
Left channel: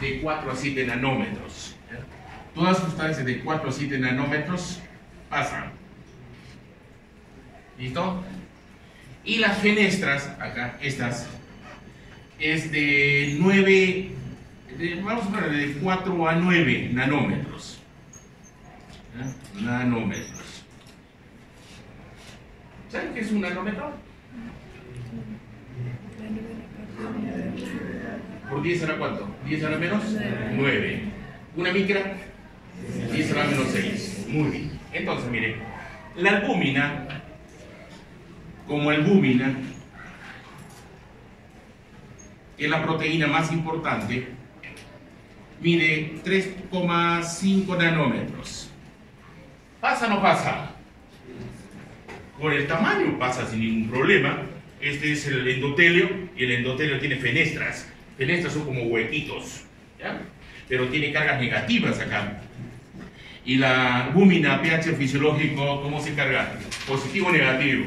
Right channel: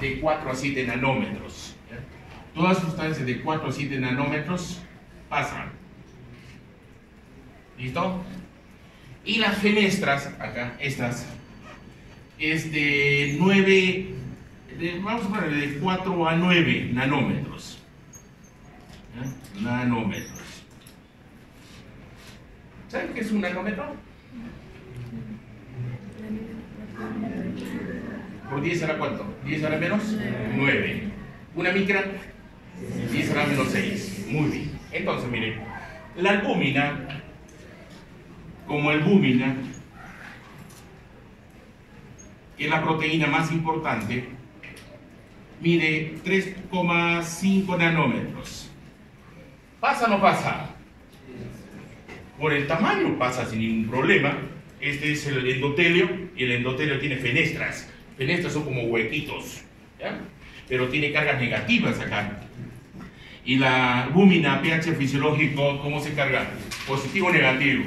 de 4 a 7 nanómetros. ¿Ya? Todas sustancias de 4 a 7 nanómetros pasan. ¿Listo? Y las fenestras, acá, estas, es de 9, vamos a poner de 4 a 9 nanómetros. ¿Ya? Nanómetros. ¿Saben qué es un nanómetro? ¿Por 10 será cuánto? ¿10 a la menos? 9. ¿Una micra? 10 a la menos 6. Muy bien. Entonces, miren, la albúmina, como albúmina, que es la proteína más importante, mide 3,5 nanómetros. ¿Pasa o no pasa? Por el tamaño pasa sin ningún problema. Este es el endotelio y el endotelio tiene fenestras. Fenestras son como huequitos, ¿ya? Pero tiene cargas negativas acá. Y la albúmina, pH fisiológico, ¿cómo se carga? ¿Positivo o negativo?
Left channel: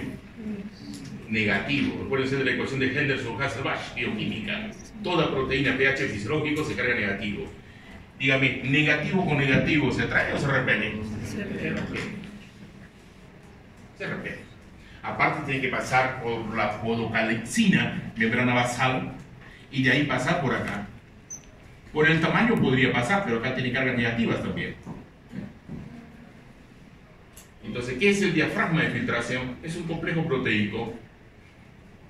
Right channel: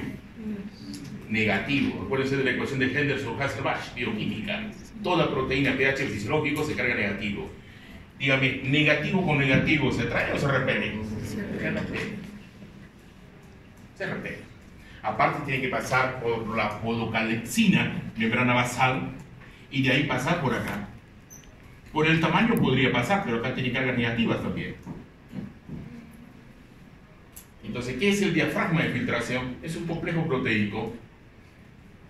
Negativo. Recuérdense de la ecuación de Henderson-Hasselbalch, bioquímica. Toda proteína pH fisiológico se carga negativo. Dígame, ¿negativo o negativo se atrae o se repele? Se repele. Se repele. Aparte tiene que pasar por la podocalcina, membrana basal, y de ahí pasar por acá. Por el tamaño podría pasar, pero acá tiene cargas negativas también. Entonces, ¿qué es el diafragma de filtración? Es un complejo proteico.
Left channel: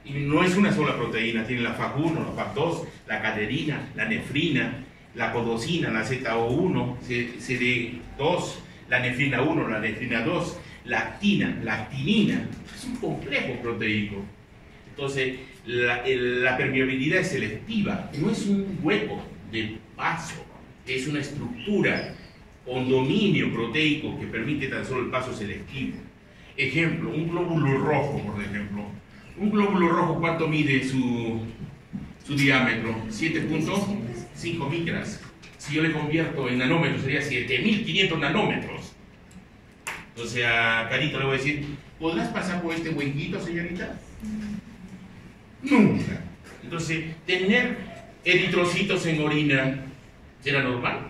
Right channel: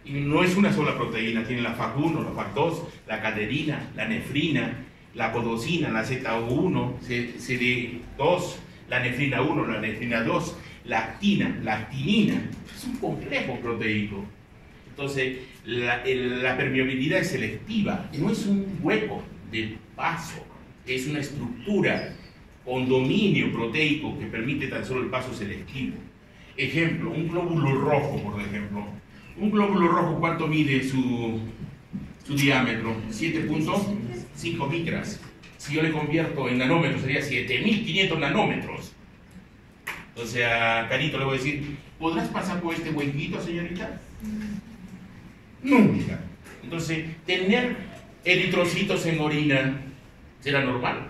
Y no es una sola proteína, tiene la FAC1, la FAC2, la cateterina, la nefrina, la podocina, la ZO1, CD2, la nefrina 1, la nefrina 2, la actina, la actinina. Es un complejo proteico. Entonces, la permeabilidad es selectiva, no es un hueco de paso, es una estructura con dominio proteico que permite tan solo el paso selectivo. Ejemplo, un glóbulo rojo, por ejemplo. Un glóbulo rojo, ¿cuánto mide su diámetro? 7.5 micras. Si yo le convierto en nanómetros, sería 7.500 nanómetros. Entonces a Carito le voy a decir, ¿podrás pasar por este huequito, señorita? Nunca. Entonces, tener eritrocitos en orina, ¿será normal?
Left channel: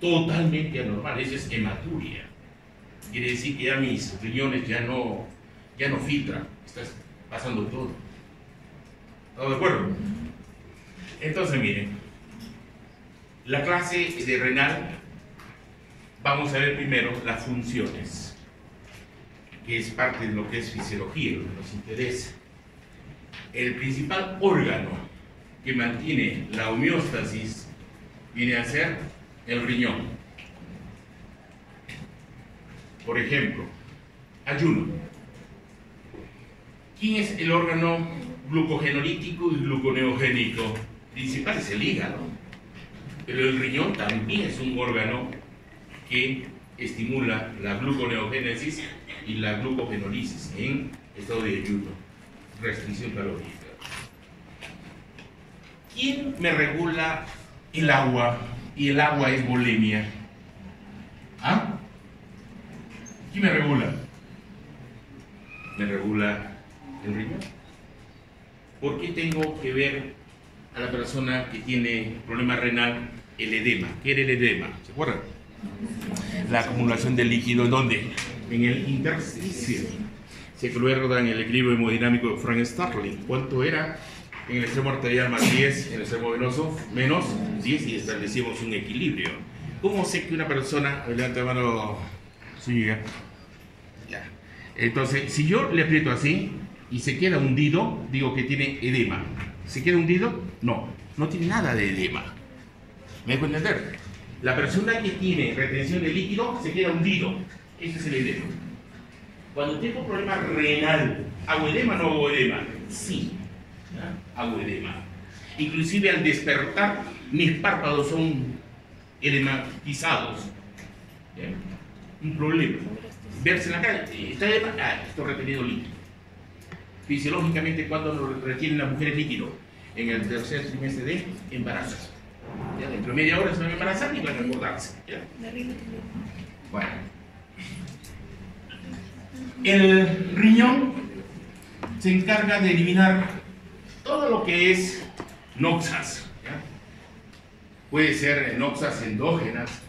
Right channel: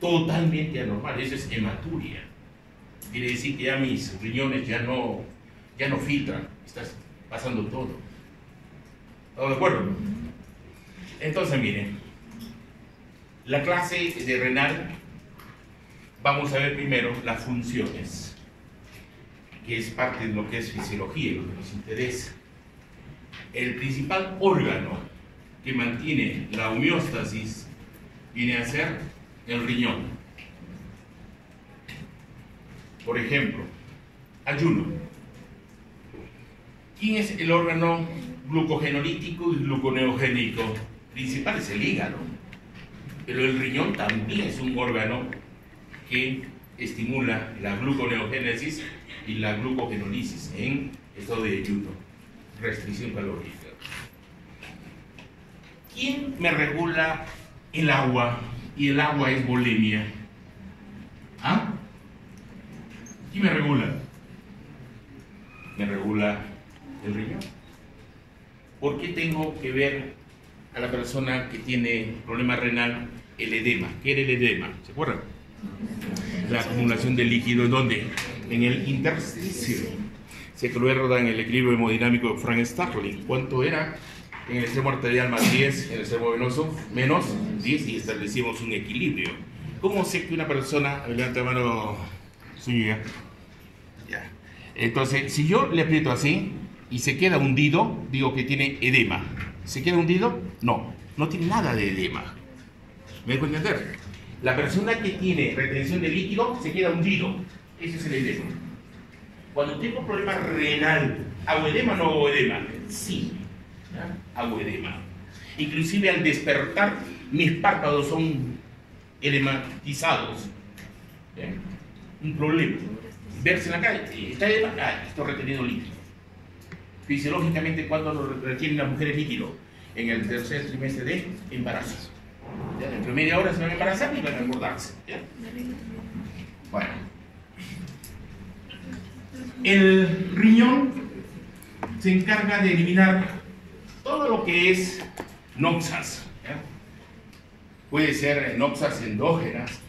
Totalmente anormal, eso es hematuria. Quiere decir que ya mis riñones ya no filtran, estás pasando todo. ¿Estamos de acuerdo? Entonces, miren, la clase de renal, vamos a ver primero las funciones, que es parte de lo que es fisiología, lo que nos interesa. El principal órgano que mantiene la homeostasis viene a ser el riñón. Por ejemplo, ayuno. ¿Quién es el órgano glucogenolítico y gluconeogénico? Principal es el hígado, pero el riñón también es un órgano que estimula la gluconeogénesis y la glucogenólisis en estado de ayuno, restricción calórica. ¿Quién me regula el agua? Y el agua es bulimia. ¿Ah? ¿Quién me regula? Me regula el riñón. ¿Por qué tengo que ver a la persona que tiene problema renal el edema? ¿Qué era el edema? ¿Se acuerdan? La acumulación de líquido, ¿en dónde? En el intersticio. Se acuerdan el equilibrio hemodinámico de Frank Starling. ¿Cuánto era? En el extremo arterial más 10, en el extremo venoso menos 10, y establecimos un equilibrio. ¿Cómo sé que una persona, levanta la mano suya, ya? Entonces, si yo le aprieto así y se queda hundido, digo que tiene edema. ¿Se queda hundido? No, no tiene nada de edema. ¿Me dejo entender? La persona que tiene retención de líquido se queda hundido. Ese es el edema. Cuando tengo problema renal, ¿hago edema o no hago edema? Sí, hago edema. Inclusive al despertar, mis párpados son edematizados. ¿Bien? Un problema. Verse en la calle, está edema, estoy reteniendo líquido. Fisiológicamente, ¿cuándo nos retienen las mujeres líquido? En el tercer trimestre de embarazo. ¿Ya? Dentro de media hora se van a embarazar y van a engordarse. ¿Ya? Bueno. El riñón se encarga de eliminar todo lo que es noxas. ¿Ya? Puede ser noxas endógenas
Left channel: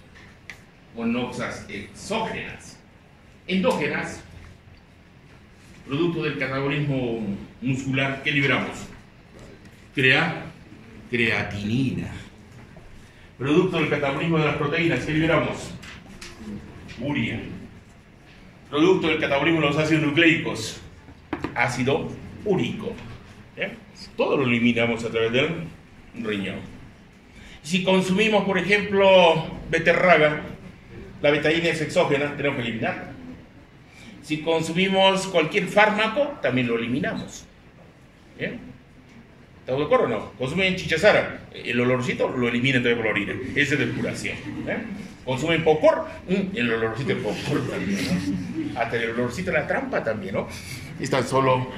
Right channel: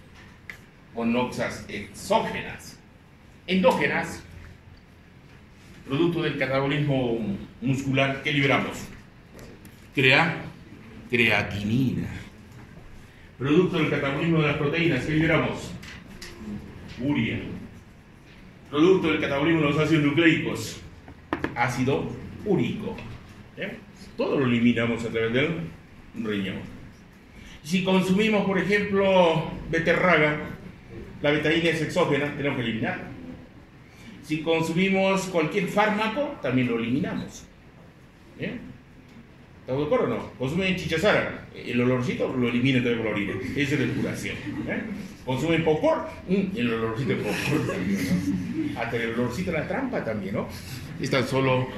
o noxas exógenas. Endógenas, producto del catabolismo muscular, ¿qué liberamos? Creatinina. Producto del catabolismo de las proteínas, ¿qué liberamos? Urea. Producto del catabolismo de los ácidos nucleicos, ácido úrico. ¿Eh? Todo lo eliminamos a través del riñón. Si consumimos, por ejemplo, beterraga, la betaína es exógena, tenemos que eliminar. Si consumimos cualquier fármaco, también lo eliminamos. ¿Bien? ¿Estamos de acuerdo o no? Consumen chichazara, el olorcito lo eliminan también por la orina. Esa es depuración. Consumen popcorn, el olorcito de popcorn también. Hasta el olorcito de la trampa también, ¿no? Es tan solo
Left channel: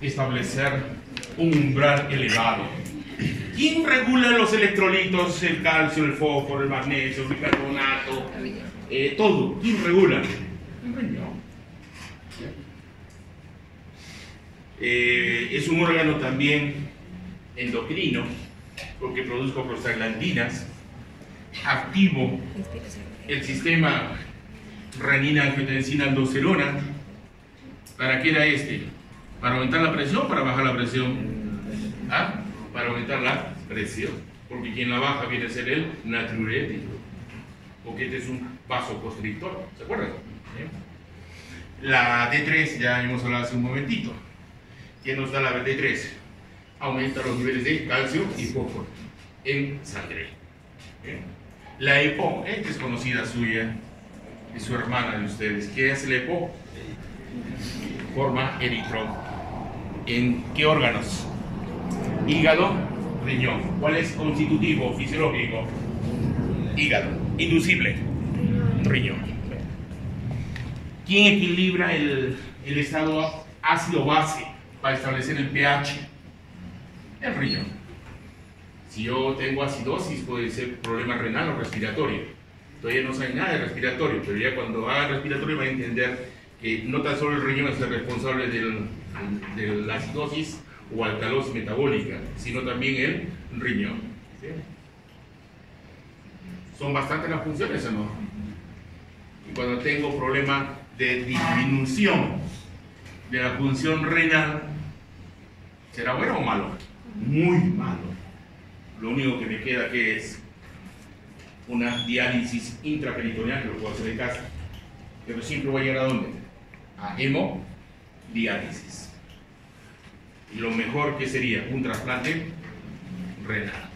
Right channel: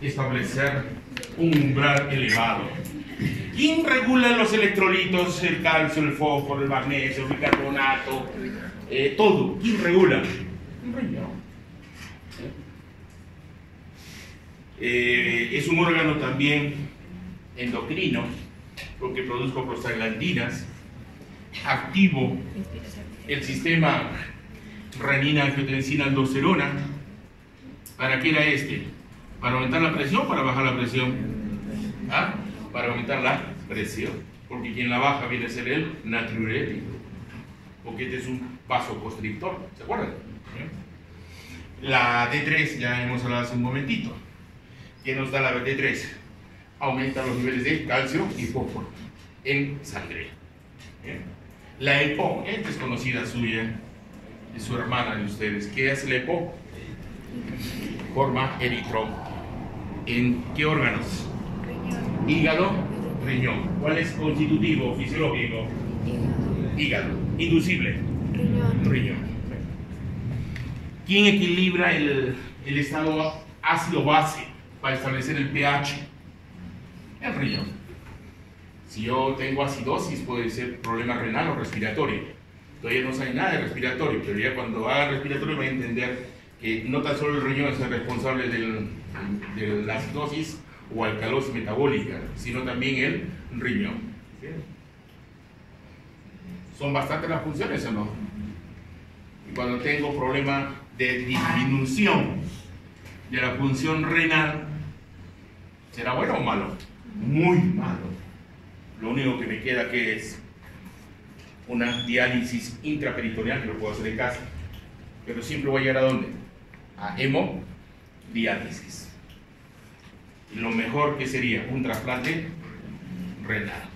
establecer un umbral elevado. ¿Quién regula los electrolitos? El calcio, el fósforo, el magnesio, el bicarbonato, todo. ¿Quién regula? El riñón. Es un órgano también endocrino, porque produzco prostaglandinas, activo el sistema renina-angiotensina-aldosterona, ¿Para qué era este? ¿Para aumentar la presión o para bajar la presión? ¿Ah? Para aumentar la presión. Porque quien la baja viene a ser el natriurético. Porque este es un vasoconstrictor. ¿Se acuerdan? La D3 ya hemos hablado hace un momentito. ¿Qué nos da la D3? Aumenta los niveles de calcio y fósforo en sangre. La EPO, esta es conocida suya, es su hermana de ustedes. ¿Qué hace la EPO? Forma eritró. ¿En qué órganos? Hígado, riñón. ¿Cuál es constitutivo, fisiológico? Hígado. Inducible, riñón. ¿Quién equilibra el estado ácido-base para establecer el pH? El riñón. Si yo tengo acidosis, puede ser problema renal o respiratorio. Todavía no sabe nada de respiratorio, pero ya cuando haga respiratorio van a entender que no tan solo el riñón es el responsable de la acidosis o alcalosis metabólica, sino también el riñón. Son bastantes las funciones, ¿o no? Y cuando tengo problema de disminución de la función renal, ¿será bueno o malo? Muy malo. Lo único que me queda que es una diálisis intraperitoneal, que lo puedo hacer en casa, pero siempre voy a llegar a ¿dónde? A hemodiálisis. Y lo mejor que sería un trasplante renal.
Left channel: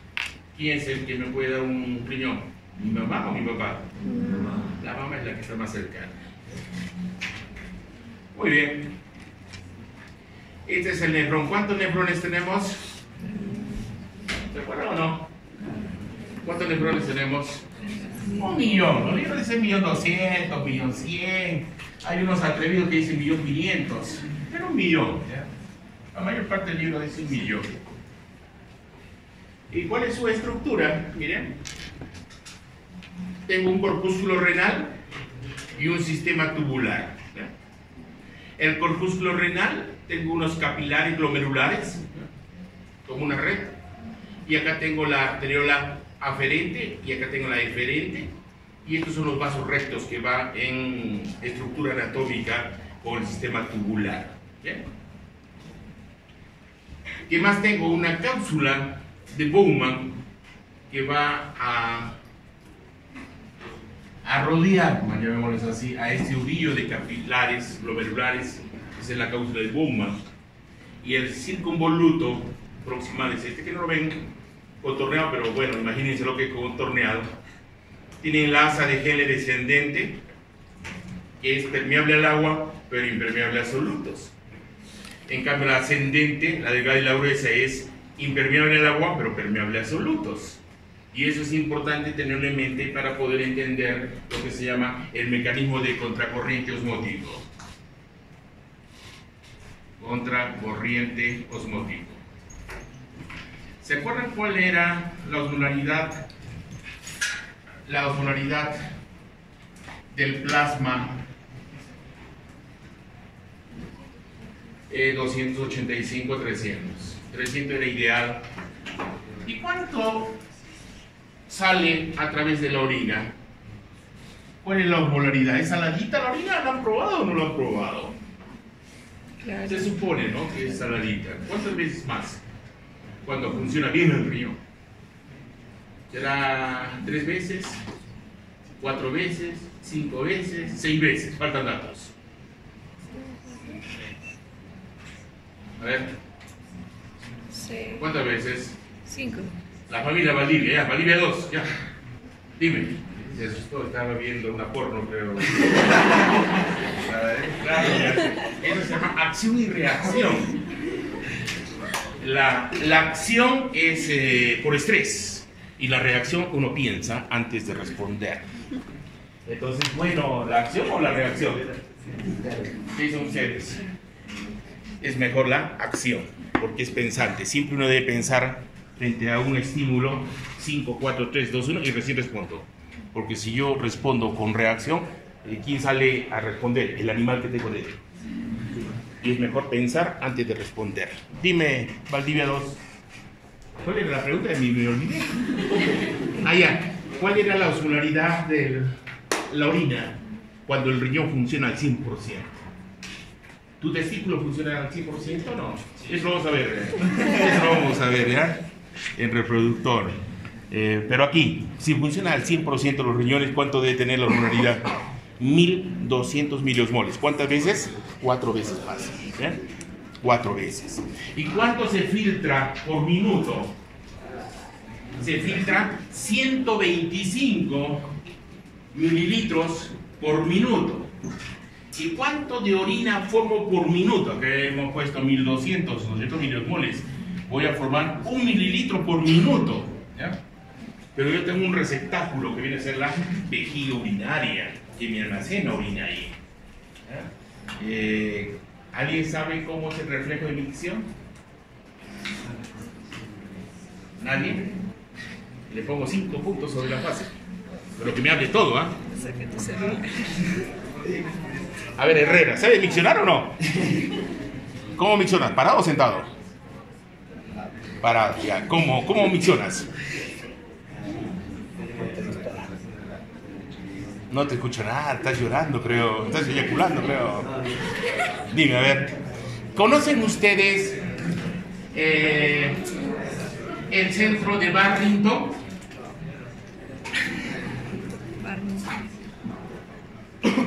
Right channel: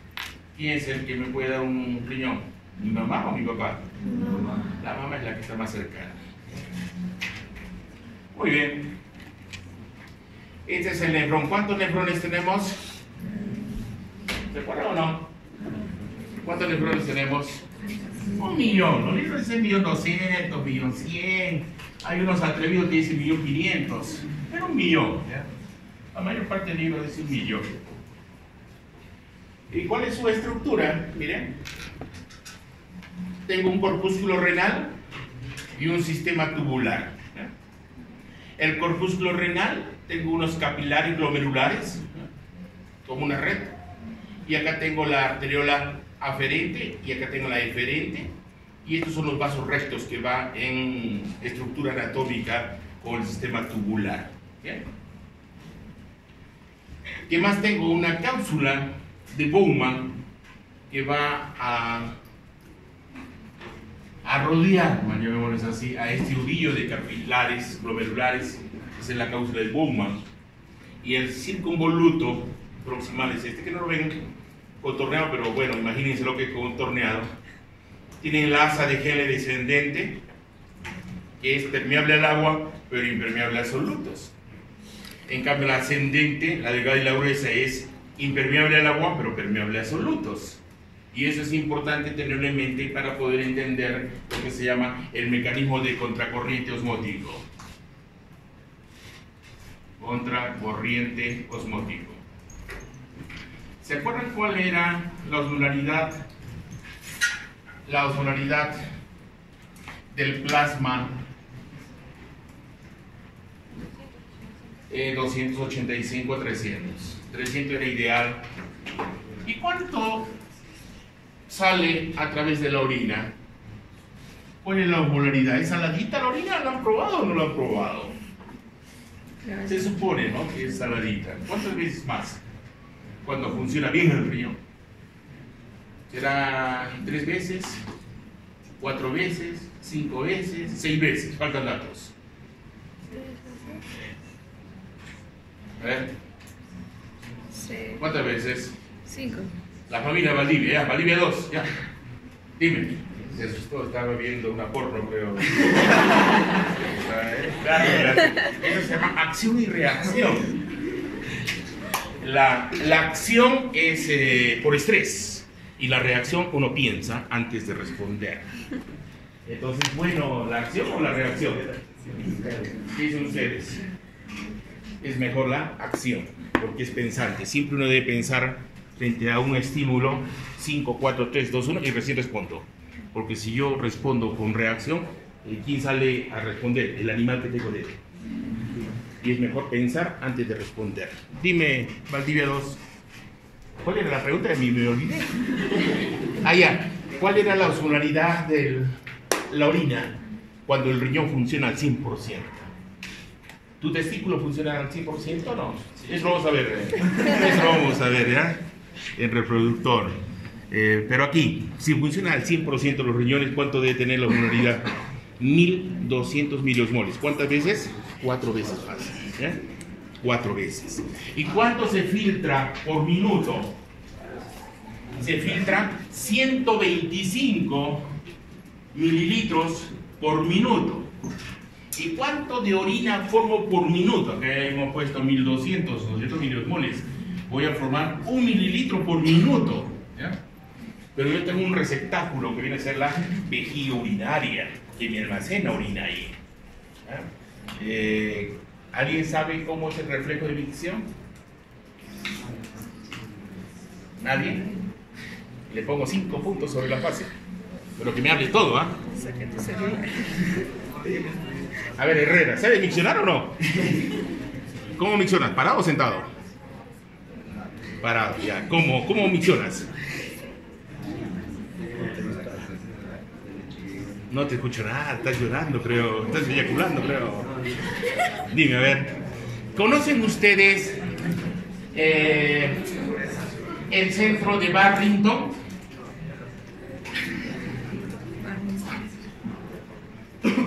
¿Quién es el que me puede dar un riñón? ¿Mi mamá o mi papá? La mamá es la que está más cercana. Muy bien. Este es el nefrón. ¿Cuántos nefrones tenemos? ¿Se acuerdan o no? ¿Cuántos nefrones tenemos? 1.000.000. Los libros dicen 1.200.000, 1.100.000. Hay unos atrevidos que dicen 1.500.000. Pero 1.000.000. ¿Ya? La mayor parte del libro dice 1.000.000. ¿Y cuál es su estructura? Miren. Tengo un corpúsculo renal y un sistema tubular. El corpúsculo renal, tengo unos capilares glomerulares, como una red, y acá tengo la arteriola aferente y acá tengo la eferente, y estos son los vasos rectos que van en estructura anatómica con el sistema tubular. ¿Bien? ¿Qué más tengo? Una cápsula de Bowman que va a rodear, llamémoslo así, a este ovillo de capilares glomerulares. Esa es la cápsula de Bowman. Y el circunvoluto proximal es este, que no lo ven contorneado, pero bueno, imagínense lo que es contorneado. Tiene la asa de Henle descendente, que es permeable al agua, pero impermeable a solutos. En cambio, la ascendente, la delgada y la gruesa, es impermeable al agua, pero permeable a solutos. Y eso es importante tenerlo en mente para poder entender lo que se llama el mecanismo de contracorriente osmótico. Contracorriente osmótico. ¿Se acuerdan cuál era la osmolaridad? La osmolaridad del plasma 285 a 300. 300 era ideal. ¿Y cuánto sale a través de la orina? ¿Cuál es la osmolaridad? ¿Es saladita la orina? ¿La han probado o no la han probado? Claro. Se supone, ¿no?, que es saladita. ¿Cuántas veces más? Cuando funciona bien el riñón. ¿Será 3 veces? 4 veces? 5 veces? 6 veces. Faltan datos. A ver. Sí. ¿Cuántas veces? 5. La familia Valdivia, ya, Valdivia 2, ya. Dime. Se asustó, estaba viendo una porno, pero... Eso se llama acción y reacción. La acción es por estrés y la reacción uno piensa antes de responder. Entonces, bueno, ¿la acción o la reacción? ¿Qué dicen ustedes? Es mejor la acción, porque es pensante. Siempre uno debe pensar frente a un estímulo 5, 4, 3, 2, 1 y recién respondo. Porque si yo respondo con reacción, ¿quién sale a responder? El animal que tengo dentro. Y es mejor pensar antes de responder. Dime, Valdivia 2, ¿cuál era la pregunta? Me olvidé. Ah, ya. ¿Cuál era la osmolaridad de la orina cuando el riñón funciona al 100%? ¿Tu testículo funciona al 100% o no? Eso vamos a ver. Eso vamos a ver, ¿ya? En reproductor. Pero aquí, si funciona al 100% los riñones, ¿cuánto debe tener la osmolaridad? 1200 miliosmoles. ¿Cuántas veces? 4 veces más. 4 veces. ¿Y cuánto se filtra por minuto? Se filtra 125 mililitros por minuto. ¿Y cuánto de orina formo por minuto? Acá hemos puesto 1200, 200 miliosmoles. Voy a formar 1 mililitro por minuto, ¿ya? Pero yo tengo un receptáculo que viene a ser la vejiga urinaria, que me almacena orina ahí, ¿ya? ¿Alguien sabe cómo es el reflejo de micción? ¿Nadie? Le pongo 5 puntos sobre la fase. Pero que me hable todo, ¿ah? Saca tu celular. A ver, Herrera, ¿sabe miccionar o no? ¿Cómo miccionas? ¿Parado o sentado? Parado, ya. ¿Cómo miccionas? No te escucho nada, estás llorando, creo. Estás eyaculando, creo. Dime, a ver. ¿Conocen ustedes el centro de Barrington?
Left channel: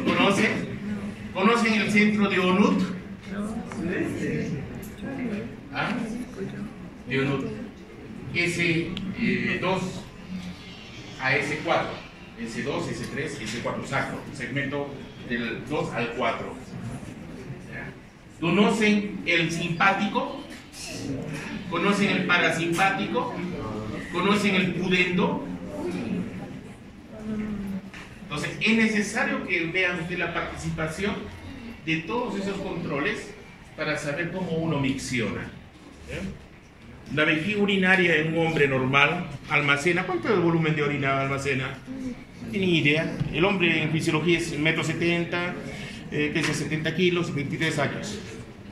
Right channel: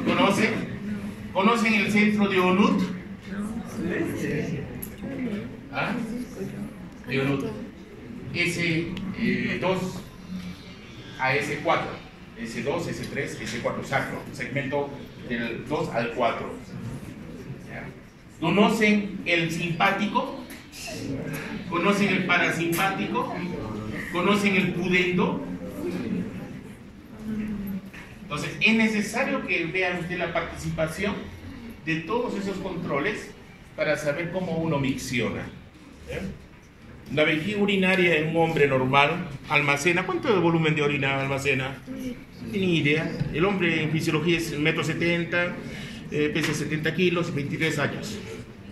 ¿Conocen? ¿Conocen el centro de Onut? ¿Ah? De Onut. S2 a S4. S2, S3, S4, sacro. Segmento del 2 al 4. ¿Conocen el simpático? ¿Conocen el parasimpático? ¿Conocen el pudendo? Entonces, es necesario que vean usted la participación de todos esos controles para saber cómo uno micciona. La vejiga urinaria en un hombre normal almacena, ¿cuánto de volumen de orina almacena? No tiene ni idea. El hombre en fisiología es 1,70 m, pesa 70 kilos y 23 años.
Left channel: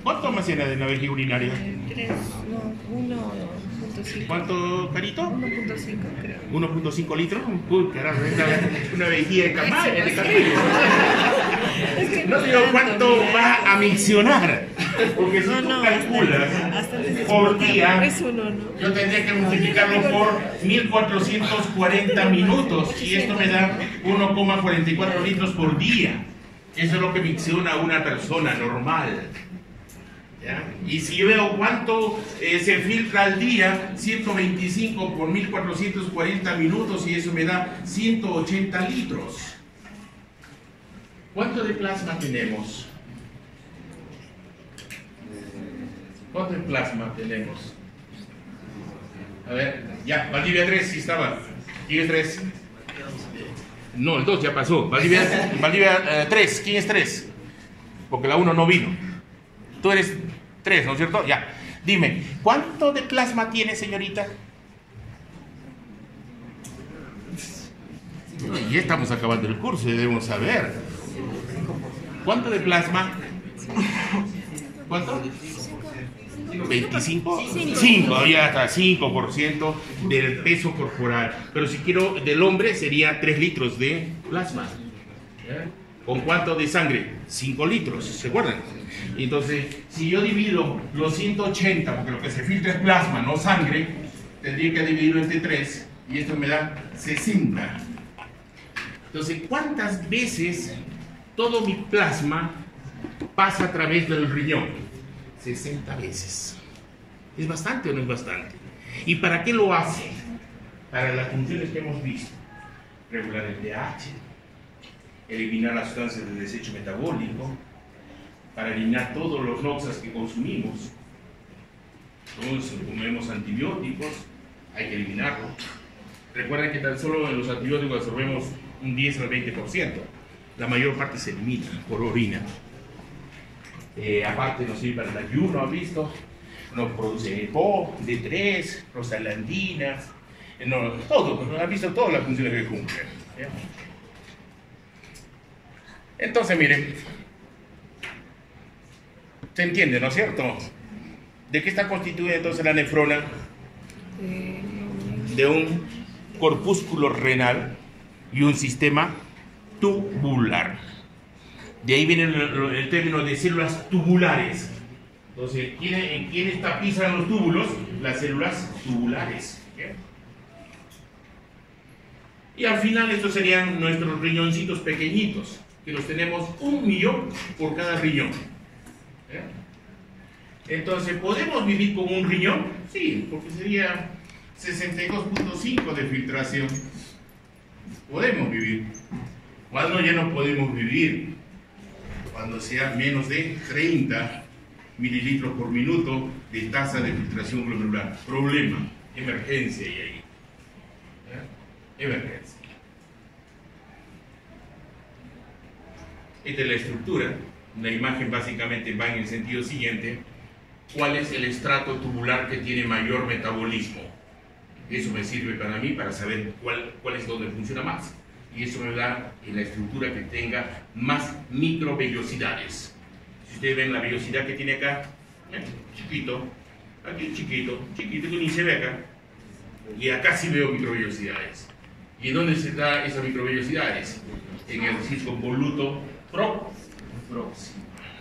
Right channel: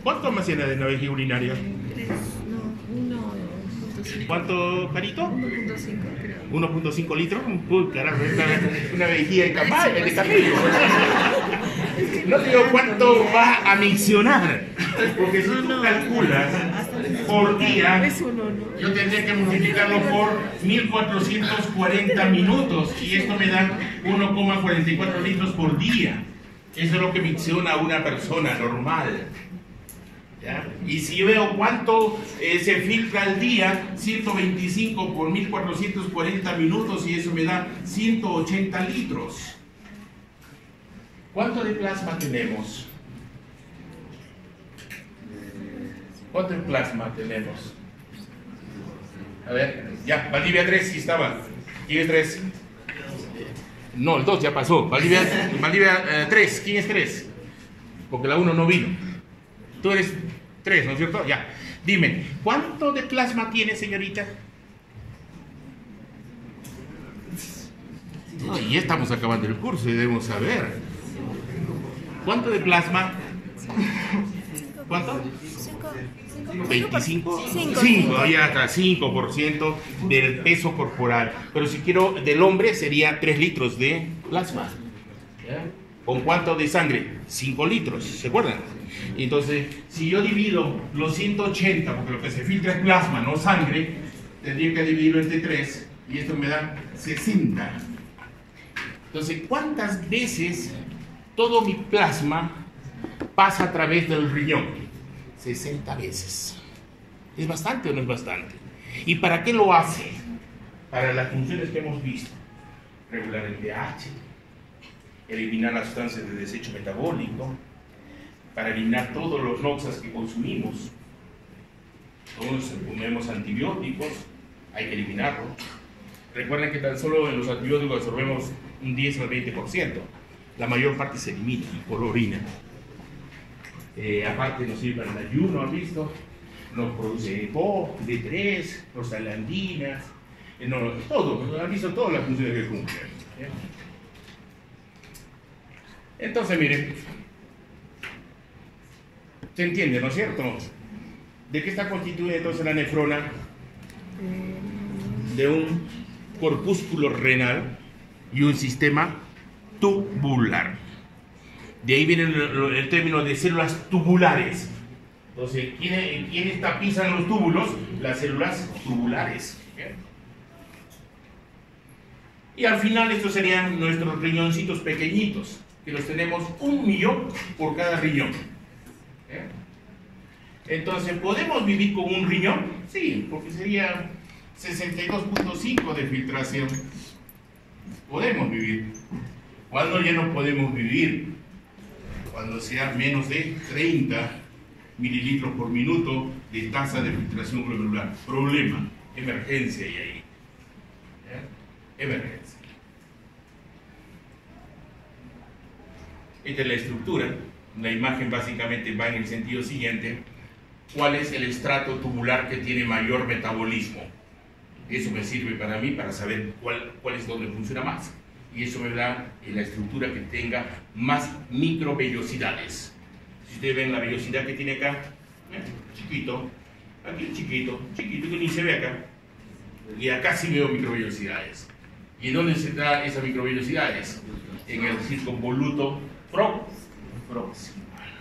¿Cuánto almacena de la vejiga urinaria? 1.5. ¿Cuánto, Carito? 1.5, creo. 1.5 litros. Uy, carajo, una vejiga de tamaño de cabello. Es que No digo cuánto va a miccionar. Porque si tú calculas por día, es uno, ¿no? yo tendría que multiplicarlo por 1440 minutos. Y esto me da 1,44 litros por día. Eso es lo que micciona una persona normal. ¿Ya? Y si yo veo cuánto se filtra al día, 125 por 1440 minutos, y eso me da 180 litros. ¿Cuánto de plasma tenemos? ¿Cuánto de plasma tenemos? A ver, ya, Valdivia 3 sí estaba. ¿Quién es 3? No, el 2 ya pasó. Valdivia 3, ¿quién es 3? Porque la 1 no vino. Tú eres 3, ¿no es cierto? Ya. Dime, ¿cuánto de plasma tiene, señorita? No, y ya estamos acabando el curso y debemos saber. ¿Cuánto de plasma? ¿Cuánto? 25, 5, ya está, 5% del peso corporal. Pero si quiero del hombre sería 3 litros de plasma. ¿Con cuánto de sangre? 5 litros, ¿se acuerdan? Y entonces, si yo divido los 180, porque lo que se filtra es plasma, no sangre, tendría que dividirlo entre 3 y esto me da 60. Entonces, ¿cuántas veces todo mi plasma pasa a través del riñón? 60 veces. ¿Es bastante o no es bastante? ¿Y para qué lo hace? Para las funciones que hemos visto. Regular el pH, eliminar las sustancias de desecho metabólico, para eliminar todos los noxas que consumimos. Todos comemos antibióticos, hay que eliminarlos. Recuerden que tan solo en los antibióticos absorbemos un 10 al 20%. La mayor parte se elimina por orina. Aparte nos sirve para el ayuno, ¿han visto? Nos produce EPO, D3, prostaglandinas, todo, han visto todas las funciones que cumplen. ¿Ya? Entonces, miren, se entiende, ¿no es cierto? ¿De qué está constituida entonces la nefrona? De un corpúsculo renal y un sistema tubular. De ahí viene el término de células tubulares. Entonces, ¿quiénes tapizan los túbulos? Las células tubulares. ¿Okay? Y al final estos serían nuestros riñoncitos pequeñitos, que los tenemos 1 millón por cada riñón. ¿Okay? Entonces, ¿podemos vivir con un riñón? Sí, porque sería 62.5 de filtración. Podemos vivir. ¿Cuándo ya no podemos vivir? Cuando sea menos de 30 mililitros por minuto de tasa de filtración glomerular. Problema, emergencia y ahí. ¿Ya? Emergencia. Esta es la estructura. La imagen básicamente va en el sentido siguiente. ¿Cuál es el estrato tubular que tiene mayor metabolismo? Eso me sirve para mí para saber cuál es donde funciona más. Y eso me da en la estructura que tenga más microvellosidades. Si ustedes ven la vellosidad que tiene acá, chiquito, aquí chiquito, chiquito que ni se ve acá. Y acá sí veo microvellosidades. ¿Y en dónde se da esas microvellosidades? En el circunvoluto proximal.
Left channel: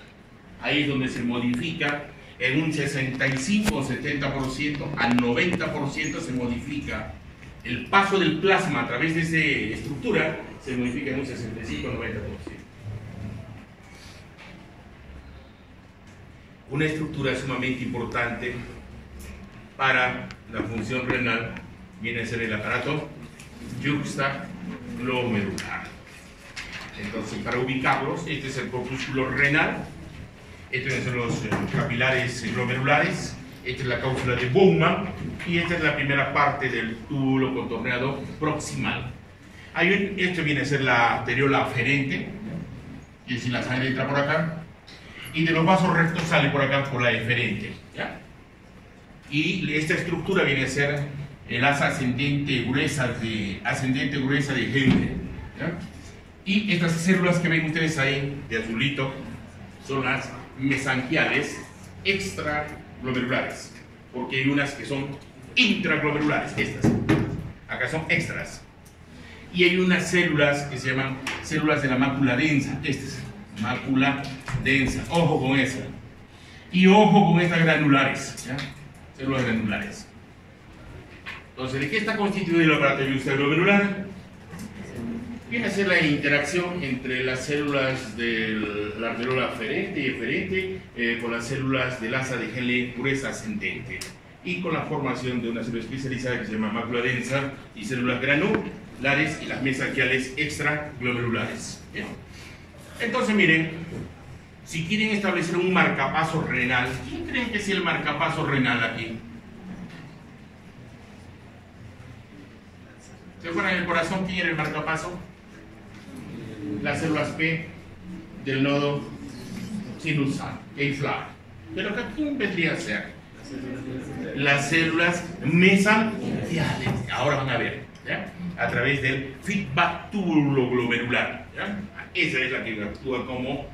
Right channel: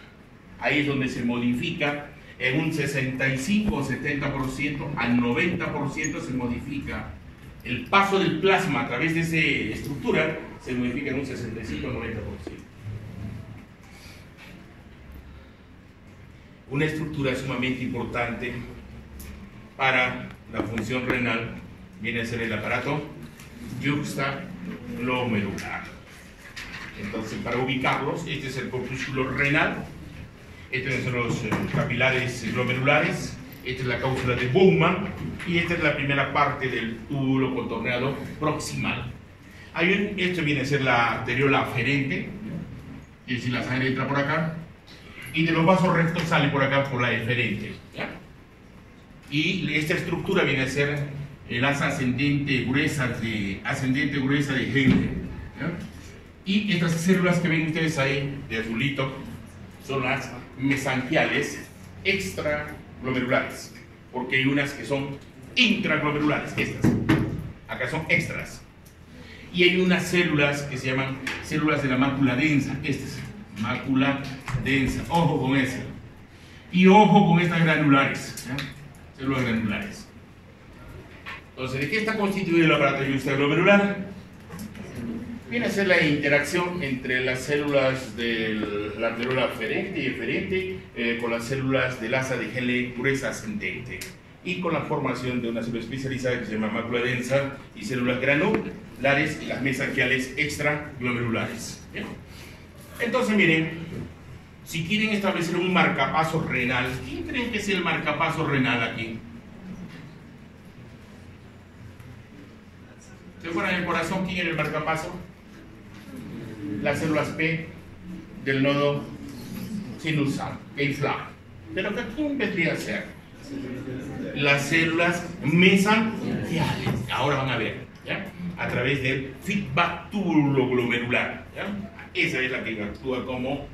Ahí es donde se modifica en un 65 o 70% a 90% se modifica. El paso del plasma a través de esa estructura se modifica en un 65-90%. Una estructura sumamente importante para la función renal viene a ser el aparato yuxtaglomerular. Entonces, para ubicarlos, este es el corpúsculo renal, estos son los capilares glomerulares, esta es la cápsula de Bowman y esta es la primera parte del túbulo contorneado proximal. Esto viene a ser la arteriola aferente, es decir, la sangre entra por acá y de los vasos rectos sale por acá por la eferente. ¿Ya? Y esta estructura viene a ser el asa ascendente gruesa de Henle. ¿Ya? Y estas células que ven ustedes ahí de azulito son las mesangiales extraglomerulares, porque hay unas que son intraglomerulares, estas, acá son extras, y hay unas células que se llaman células de la mácula densa, estas, mácula densa, ojo con esa, y ojo con estas granulares, ¿ya? Células granulares. Entonces, ¿de qué está constituido el aparato yuxtaglomerular? Viene a ser la interacción entre las células de la arteriola aferente y eferente con las células del asa de Henle gruesa ascendente y con la formación de una célula especializada que se llama mácula densa y células granulares y las mesangiales extraglomerulares. ¿Bien? Entonces, miren, si quieren establecer un marcapaso renal, ¿quién creen que es el marcapaso renal aquí? ¿Se acuerdan del corazón? ¿Quién era el marcapaso? Las células P del nodo sinusal, aislar. Pero acá, ¿quién vendría a ser? Las células mesangiales. Ahora van a ver, ¿ya? A través del feedback tubuloglomerular, ¿ya? Esa es la que actúa como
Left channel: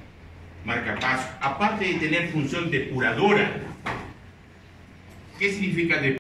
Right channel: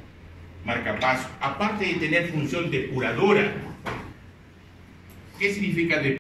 marcapaso. Aparte de tener función depuradora. ¿Qué significa depuradora?